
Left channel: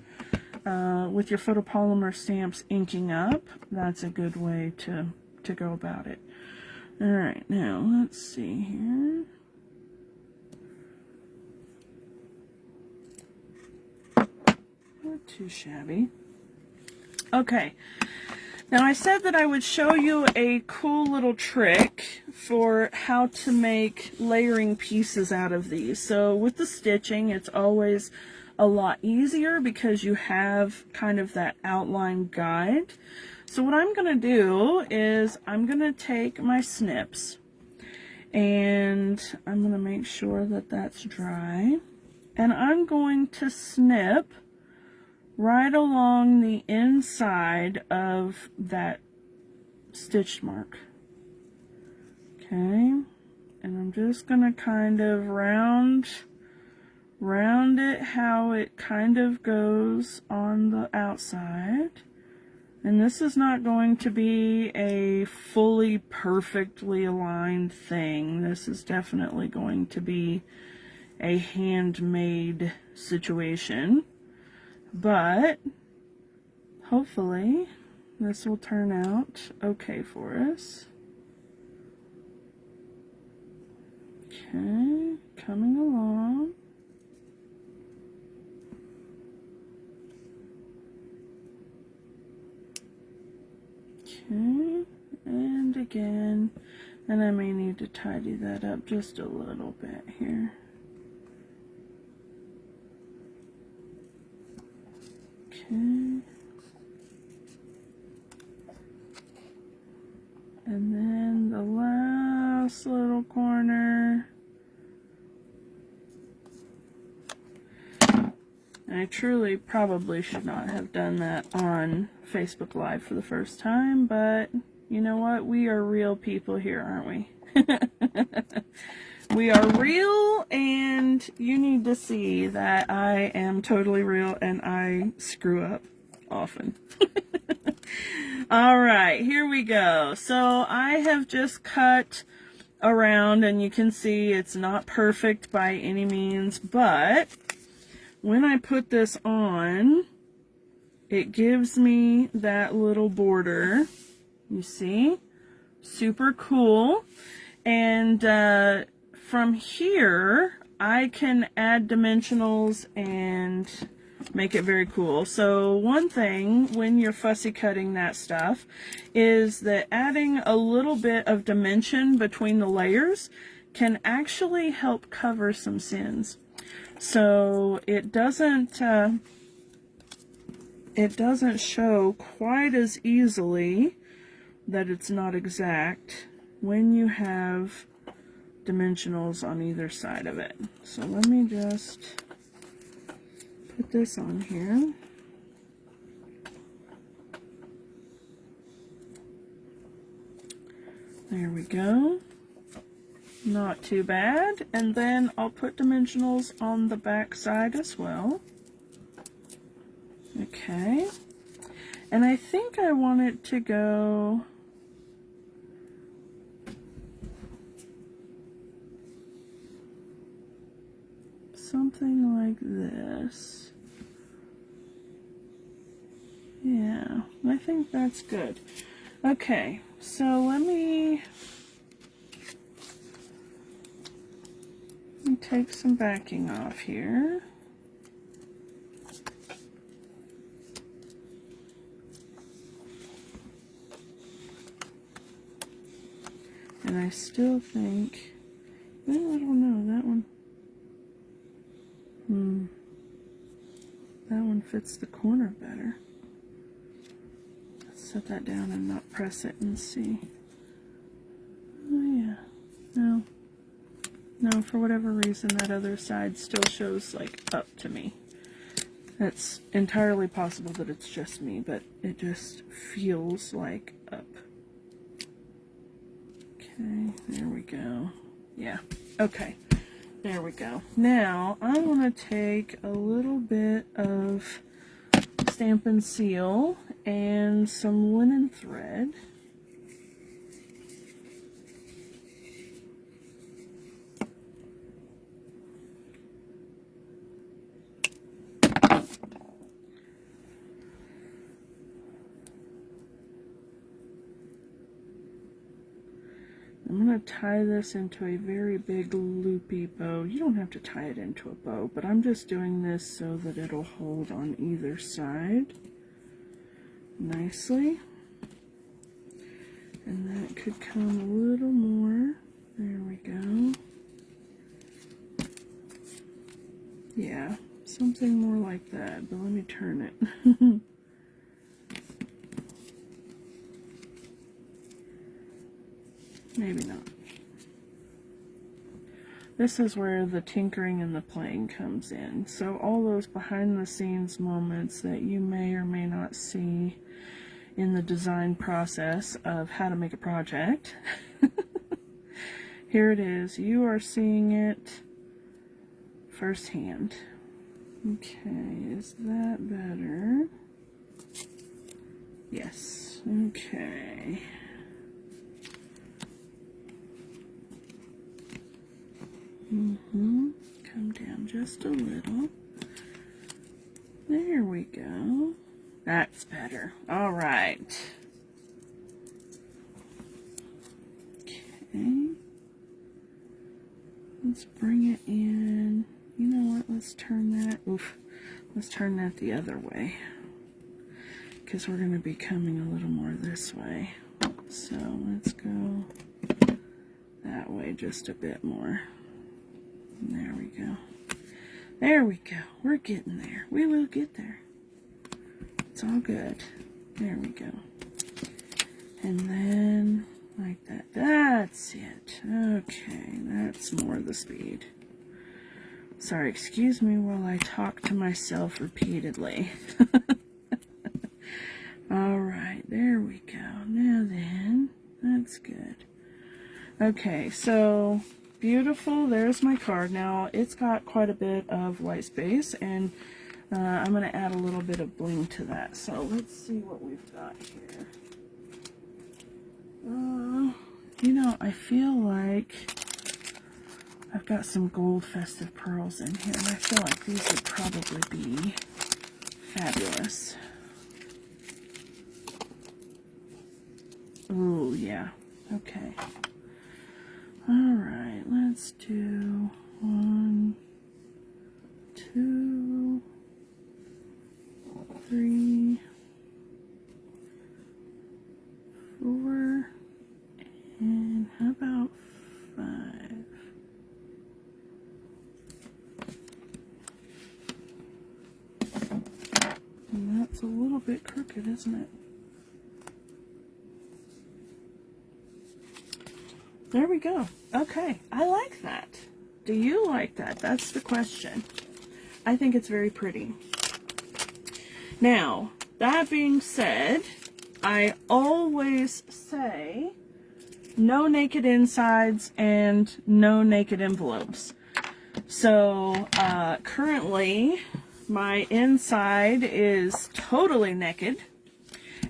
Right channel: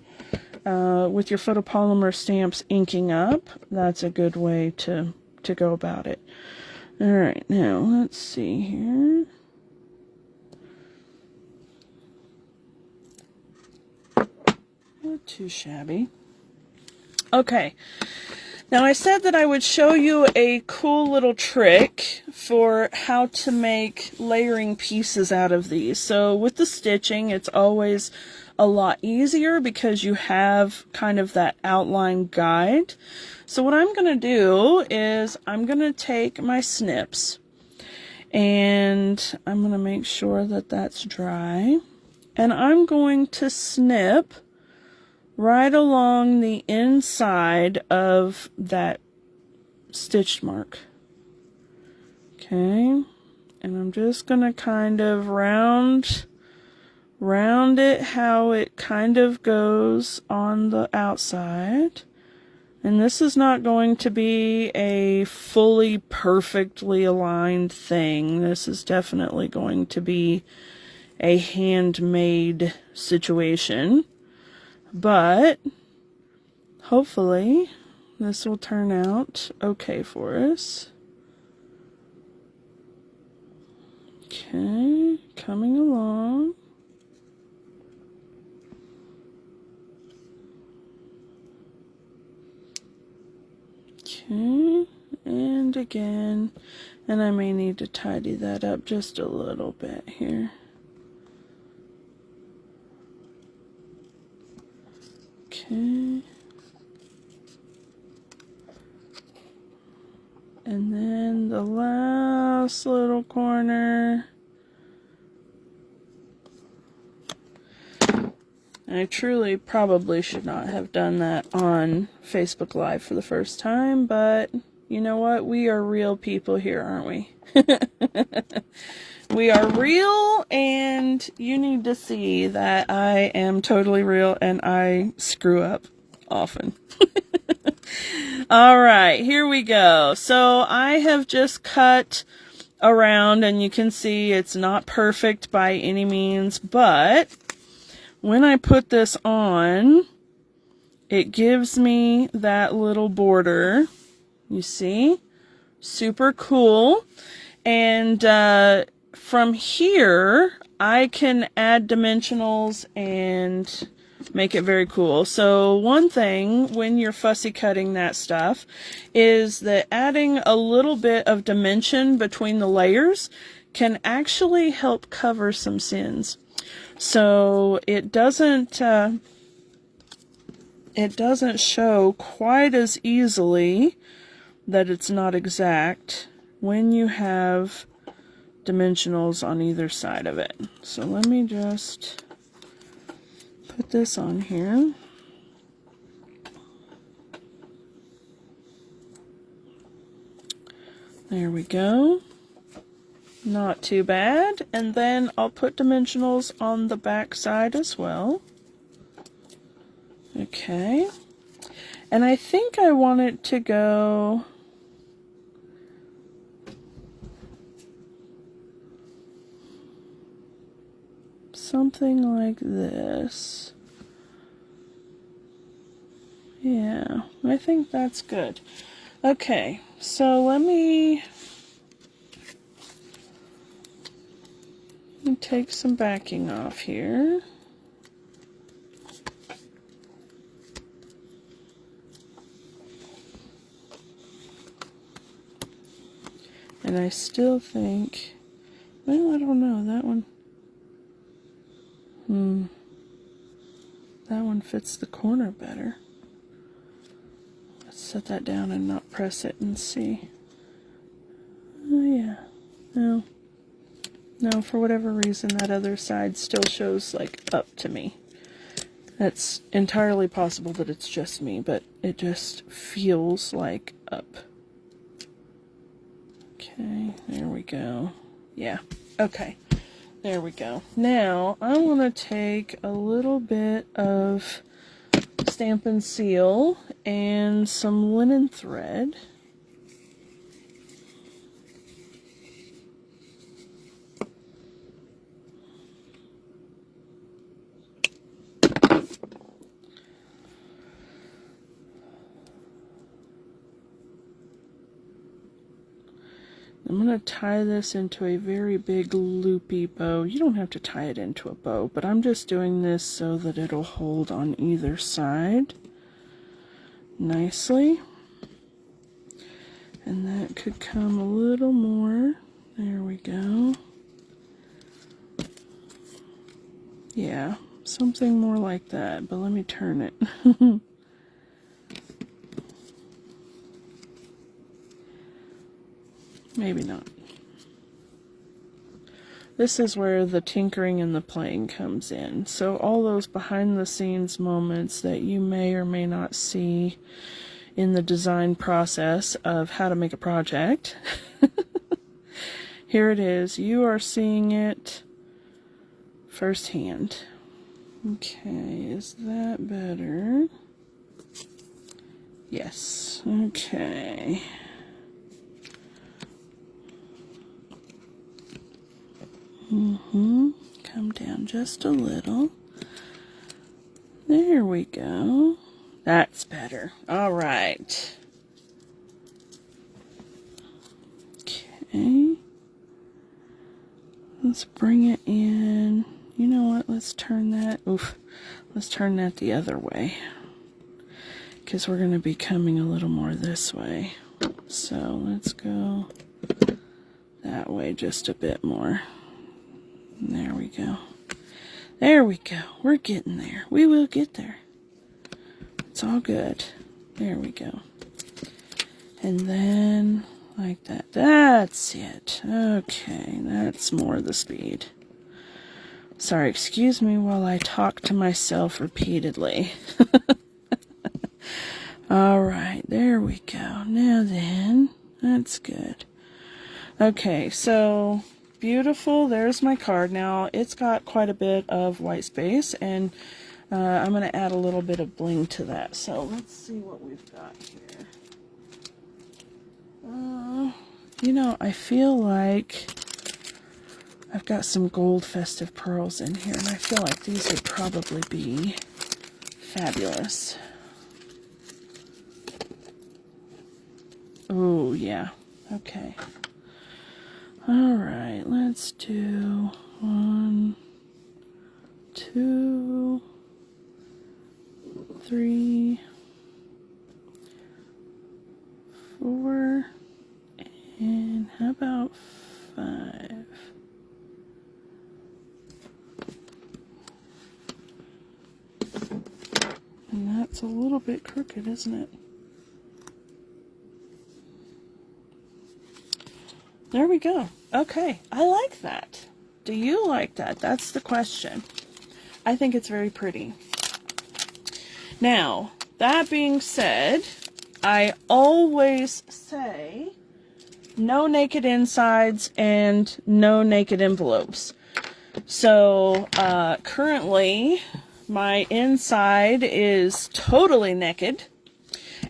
with your photopolymer stamps inking up, that's a good way to go about it. All right, now let's see here. Not too shabby. Okay, now I said that I would show you a cool little trick for how to make layering pieces out of these. So with the stitching, it's always a lot easier because you have kind of that outline guide. So what I'm going to do is I'm going to take my snips and I'm going to make sure that that's dry, and I'm going to snip right along the inside of that stitch mark. Okay, and I'm just gonna kind of round it how it kind of goes on the outside. And this is not going to be a fully perfectly aligned thing. This is definitely going to be a handmade situation. But hopefully this will turn out okay for us. Okay, coming along. Okay, and again, and I may need to tidy that up just a little bit here. Okay. And then the last little corner. I truly probably should not have done that on Facebook Live for the first time, but you know what? We are real people here, aren't we? We are real, and you need to see that I am totally real and I screw up often. All right, here we go. So I have just cut around, and you can see it's not perfect by any means, but when I put this on, it gives me that little border. You see? Super cool. And from here, I can add dimensionals and make it very cool. So one thing when you're fussy cutting that stuff is that adding a little bit of dimension between the layers can actually help cover some sins. So it doesn't show quite as easily that it's not exact when you have dimensionals on either side of it. So let me just put this on here. There we go. Not too bad. And then I'll put dimensionals on the back side as well. Okay. And I think I want it to go something like this. Yeah, I think that's good. Okay, so let me take some backing off here. And I still think, well, I don't know, that one, that one fits the corner better. Let's set that down and not press it and see. Oh yeah, no, for whatever reason that other side still shows like up to me. It's entirely possible that it's just me, but it just feels like up. Okay, there we go. Yeah, okay, there we go. Now, I want to take a little bit of Stampin' Seal and some linen thread. I'm going to tie this into a very big loopy bow. You don't have to tie it into a bow, but I'm just doing this so that it'll hold on either side nicely. And that could come a little more. There we go. Yeah, something more like that, but let me turn it. Maybe not. This is where the tinkering and the playing comes in. So all those behind the scenes moments that you may or may not see in the design process of how to make a project. Here it is. You are seeing it firsthand. Okay, is that better? Yes. Okay. Come down just a little. There we go. That's better. All right. Okay. Let's bring it in. You know what? Let's turn that. Let's turn that the other way, because we're going to be coming a little more this way. So let's go that way just a bit more. There we go. There we go. We're getting there. We will get there. It's all good. There we go. And then like that. That's it. Okay, that's more the speed. Sorry, excuse me while I talk to myself repeatedly. All right, there we go. Now then, that's good. Okay, so beautiful. There's my card. Now, it's got quite a bit of white space, and I'm going to add a little bit of bling to that. So let's see what we've got here. You know, I feel like I've got some gold festive pearls in here, and I feel like these would probably be fabulous. Oh, yeah. Okay. All right, let's do 1, 2, 3, 4, and how about 5? And that's a little bit crooked, isn't it? There we go. Okay, I like that. Do you like that? That's the question. I think it's very pretty. Now, that being said, I always say no naked insides and no naked envelopes. So, currently, my inside is totally naked,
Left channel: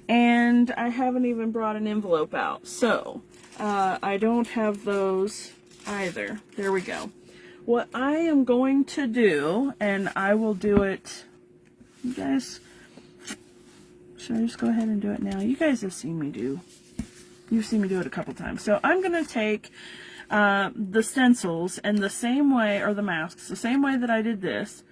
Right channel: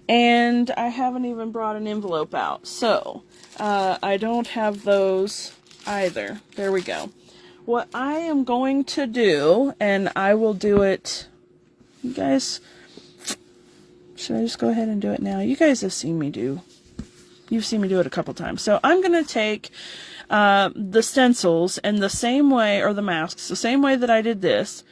and I haven't even brought an envelope out. So, I don't have those either. There we go. What I am going to do, and I will do it, you guys, should I just go ahead and do it now? You guys have seen me do you've seen me do it a couple times. So I'm going to take the stencils and the same way, or the masks, the same way that I did this,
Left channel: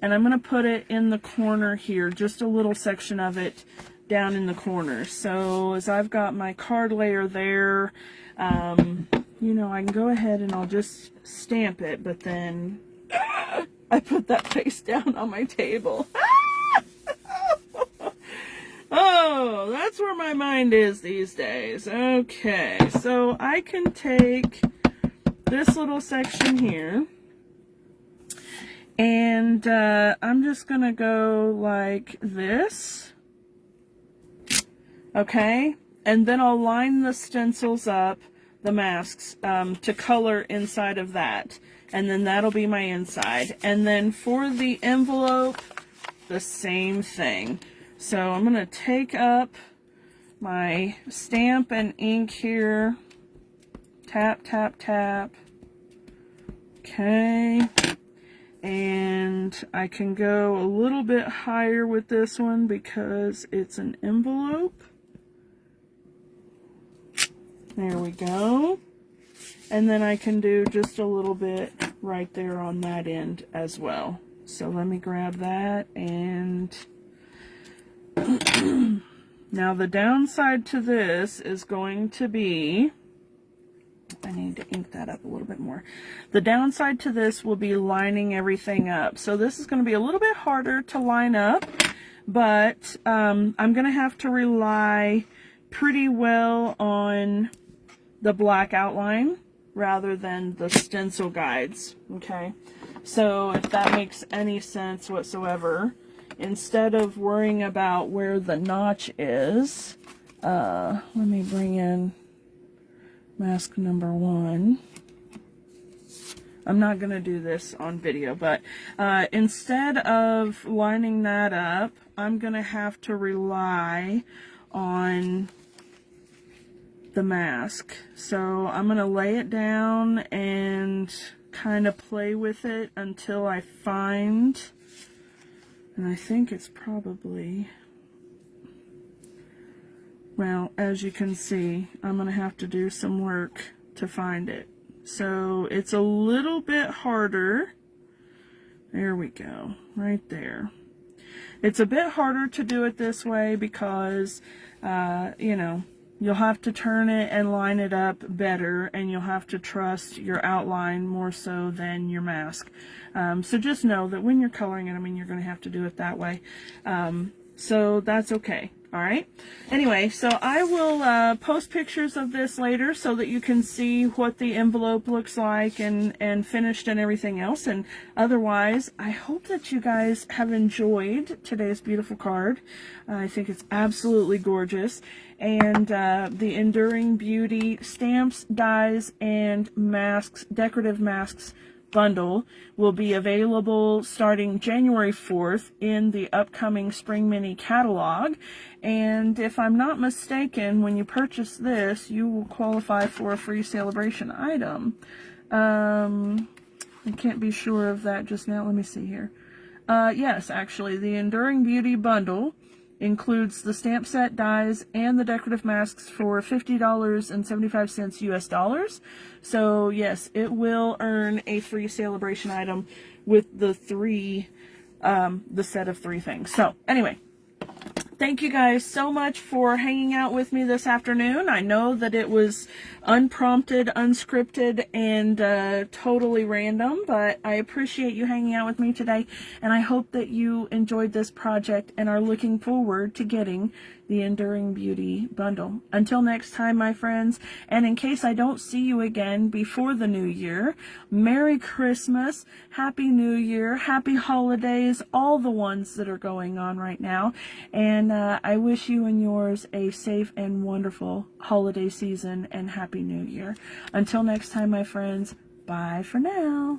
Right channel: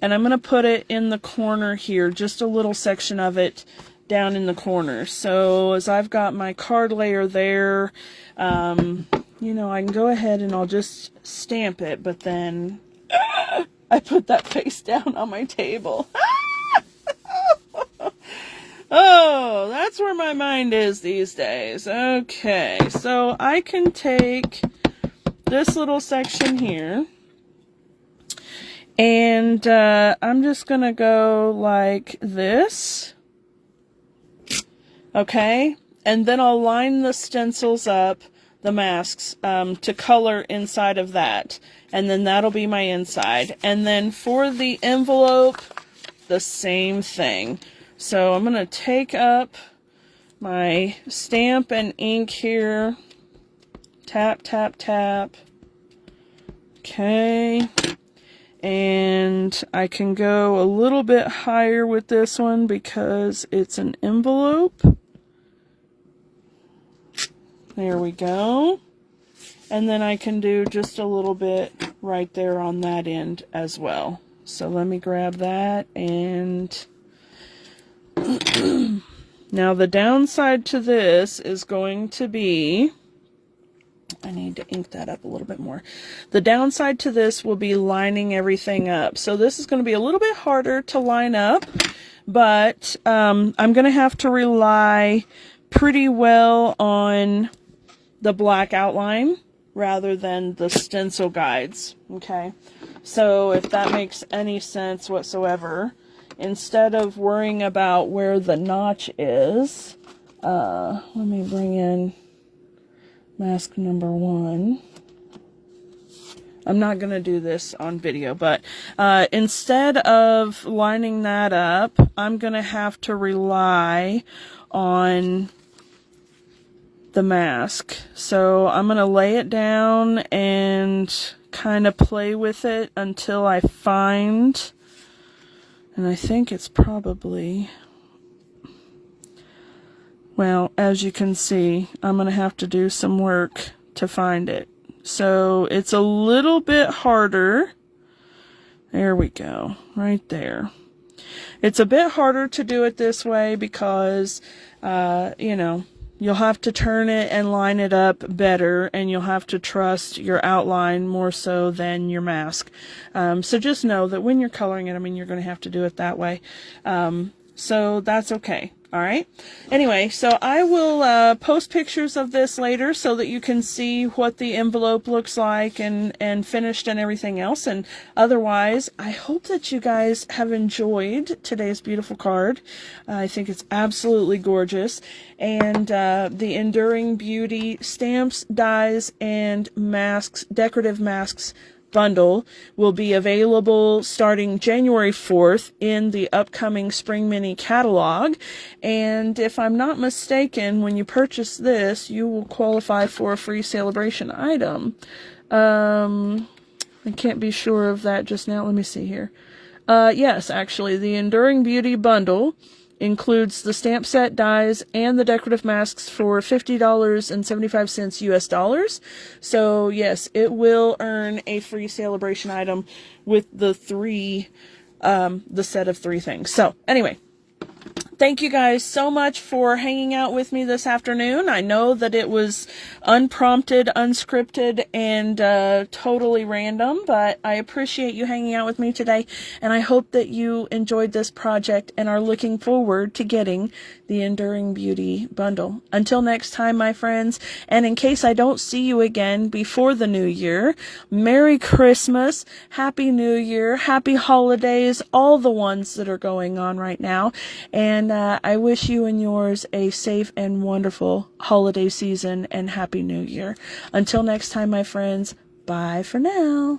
and I'm going to put it in the corner here, just a little section of it down in the corner. So as I've got my card layer there, you know, I can go ahead and I'll just stamp it, but then I put that face down on my table. Oh, that's where my mind is these days. Okay, so I can take this little section here, and I'm just gonna go like this. Okay, and then I'll line the stencils up, the masks, to color inside of that, and then that'll be my inside. And then for the envelope, the same thing. So I'm going to take up my stamp and ink here, tap, tap, tap. Okay, and I can go a little bit higher with this one because it's an envelope. There we go. And then I can do just a little bit right there on that end as well. So let me grab that, and now the downside to this is going to be, I need to ink that up a little bit more. The downside to this will be lining everything up. So this is going to be a little bit harder to line up, but I'm going to have to rely pretty well on the black outline rather than the stencil guides. Okay, so if that makes any sense whatsoever, instead of worrying about where the notch is, let me bring in mask number 1. I'm not going to do this on video, but instead of lining that up, I'm going to have to rely on the mask. So I'm going to lay it down and kind of play with it until I find, and I think it's probably, well, as you can see, I'm going to have to do some work to find it. So it's a little bit harder. There we go, right there. It's a bit harder to do it this way because, you know, you'll have to turn it and line it up better, and you'll have to trust your outline more so than your mask. So just know that when you're coloring it, I mean, you're going to have to do it that way. So that's okay. All right. Anyway, so I will post pictures of this later so that you can see what the envelope looks like and finished and everything else. And otherwise, I hope that you guys have enjoyed today's beautiful card. I think it's absolutely gorgeous. And the Enduring Beauty Stamps, Dies, and Masks, Decorative Masks bundle will be available starting January 4th in the upcoming Spring Mini catalog. And if I'm not mistaken, when you purchase this, you will qualify for a free celebration item. I can't be sure of that just now. Let me see here. Yes, actually, the Enduring Beauty bundle includes the stamp set, dies, and the decorative masks for $50.75 US dollars. So yes, it will earn a free celebration item with the set of 3 things. So anyway, thank you guys so much for hanging out with me this afternoon. I know that it was unprompted, unscripted, and totally random, but I appreciate you hanging out with me today, and I hope that you enjoyed this project and are looking forward to getting the Enduring Beauty bundle. Until next time, my friends, and in case I don't see you again before the new year, Merry Christmas, Happy New Year, Happy Holidays, all the ones that are going on right now, and I wish you and yours a safe and wonderful holiday season and Happy New Year. Until next time, my friends, bye for now.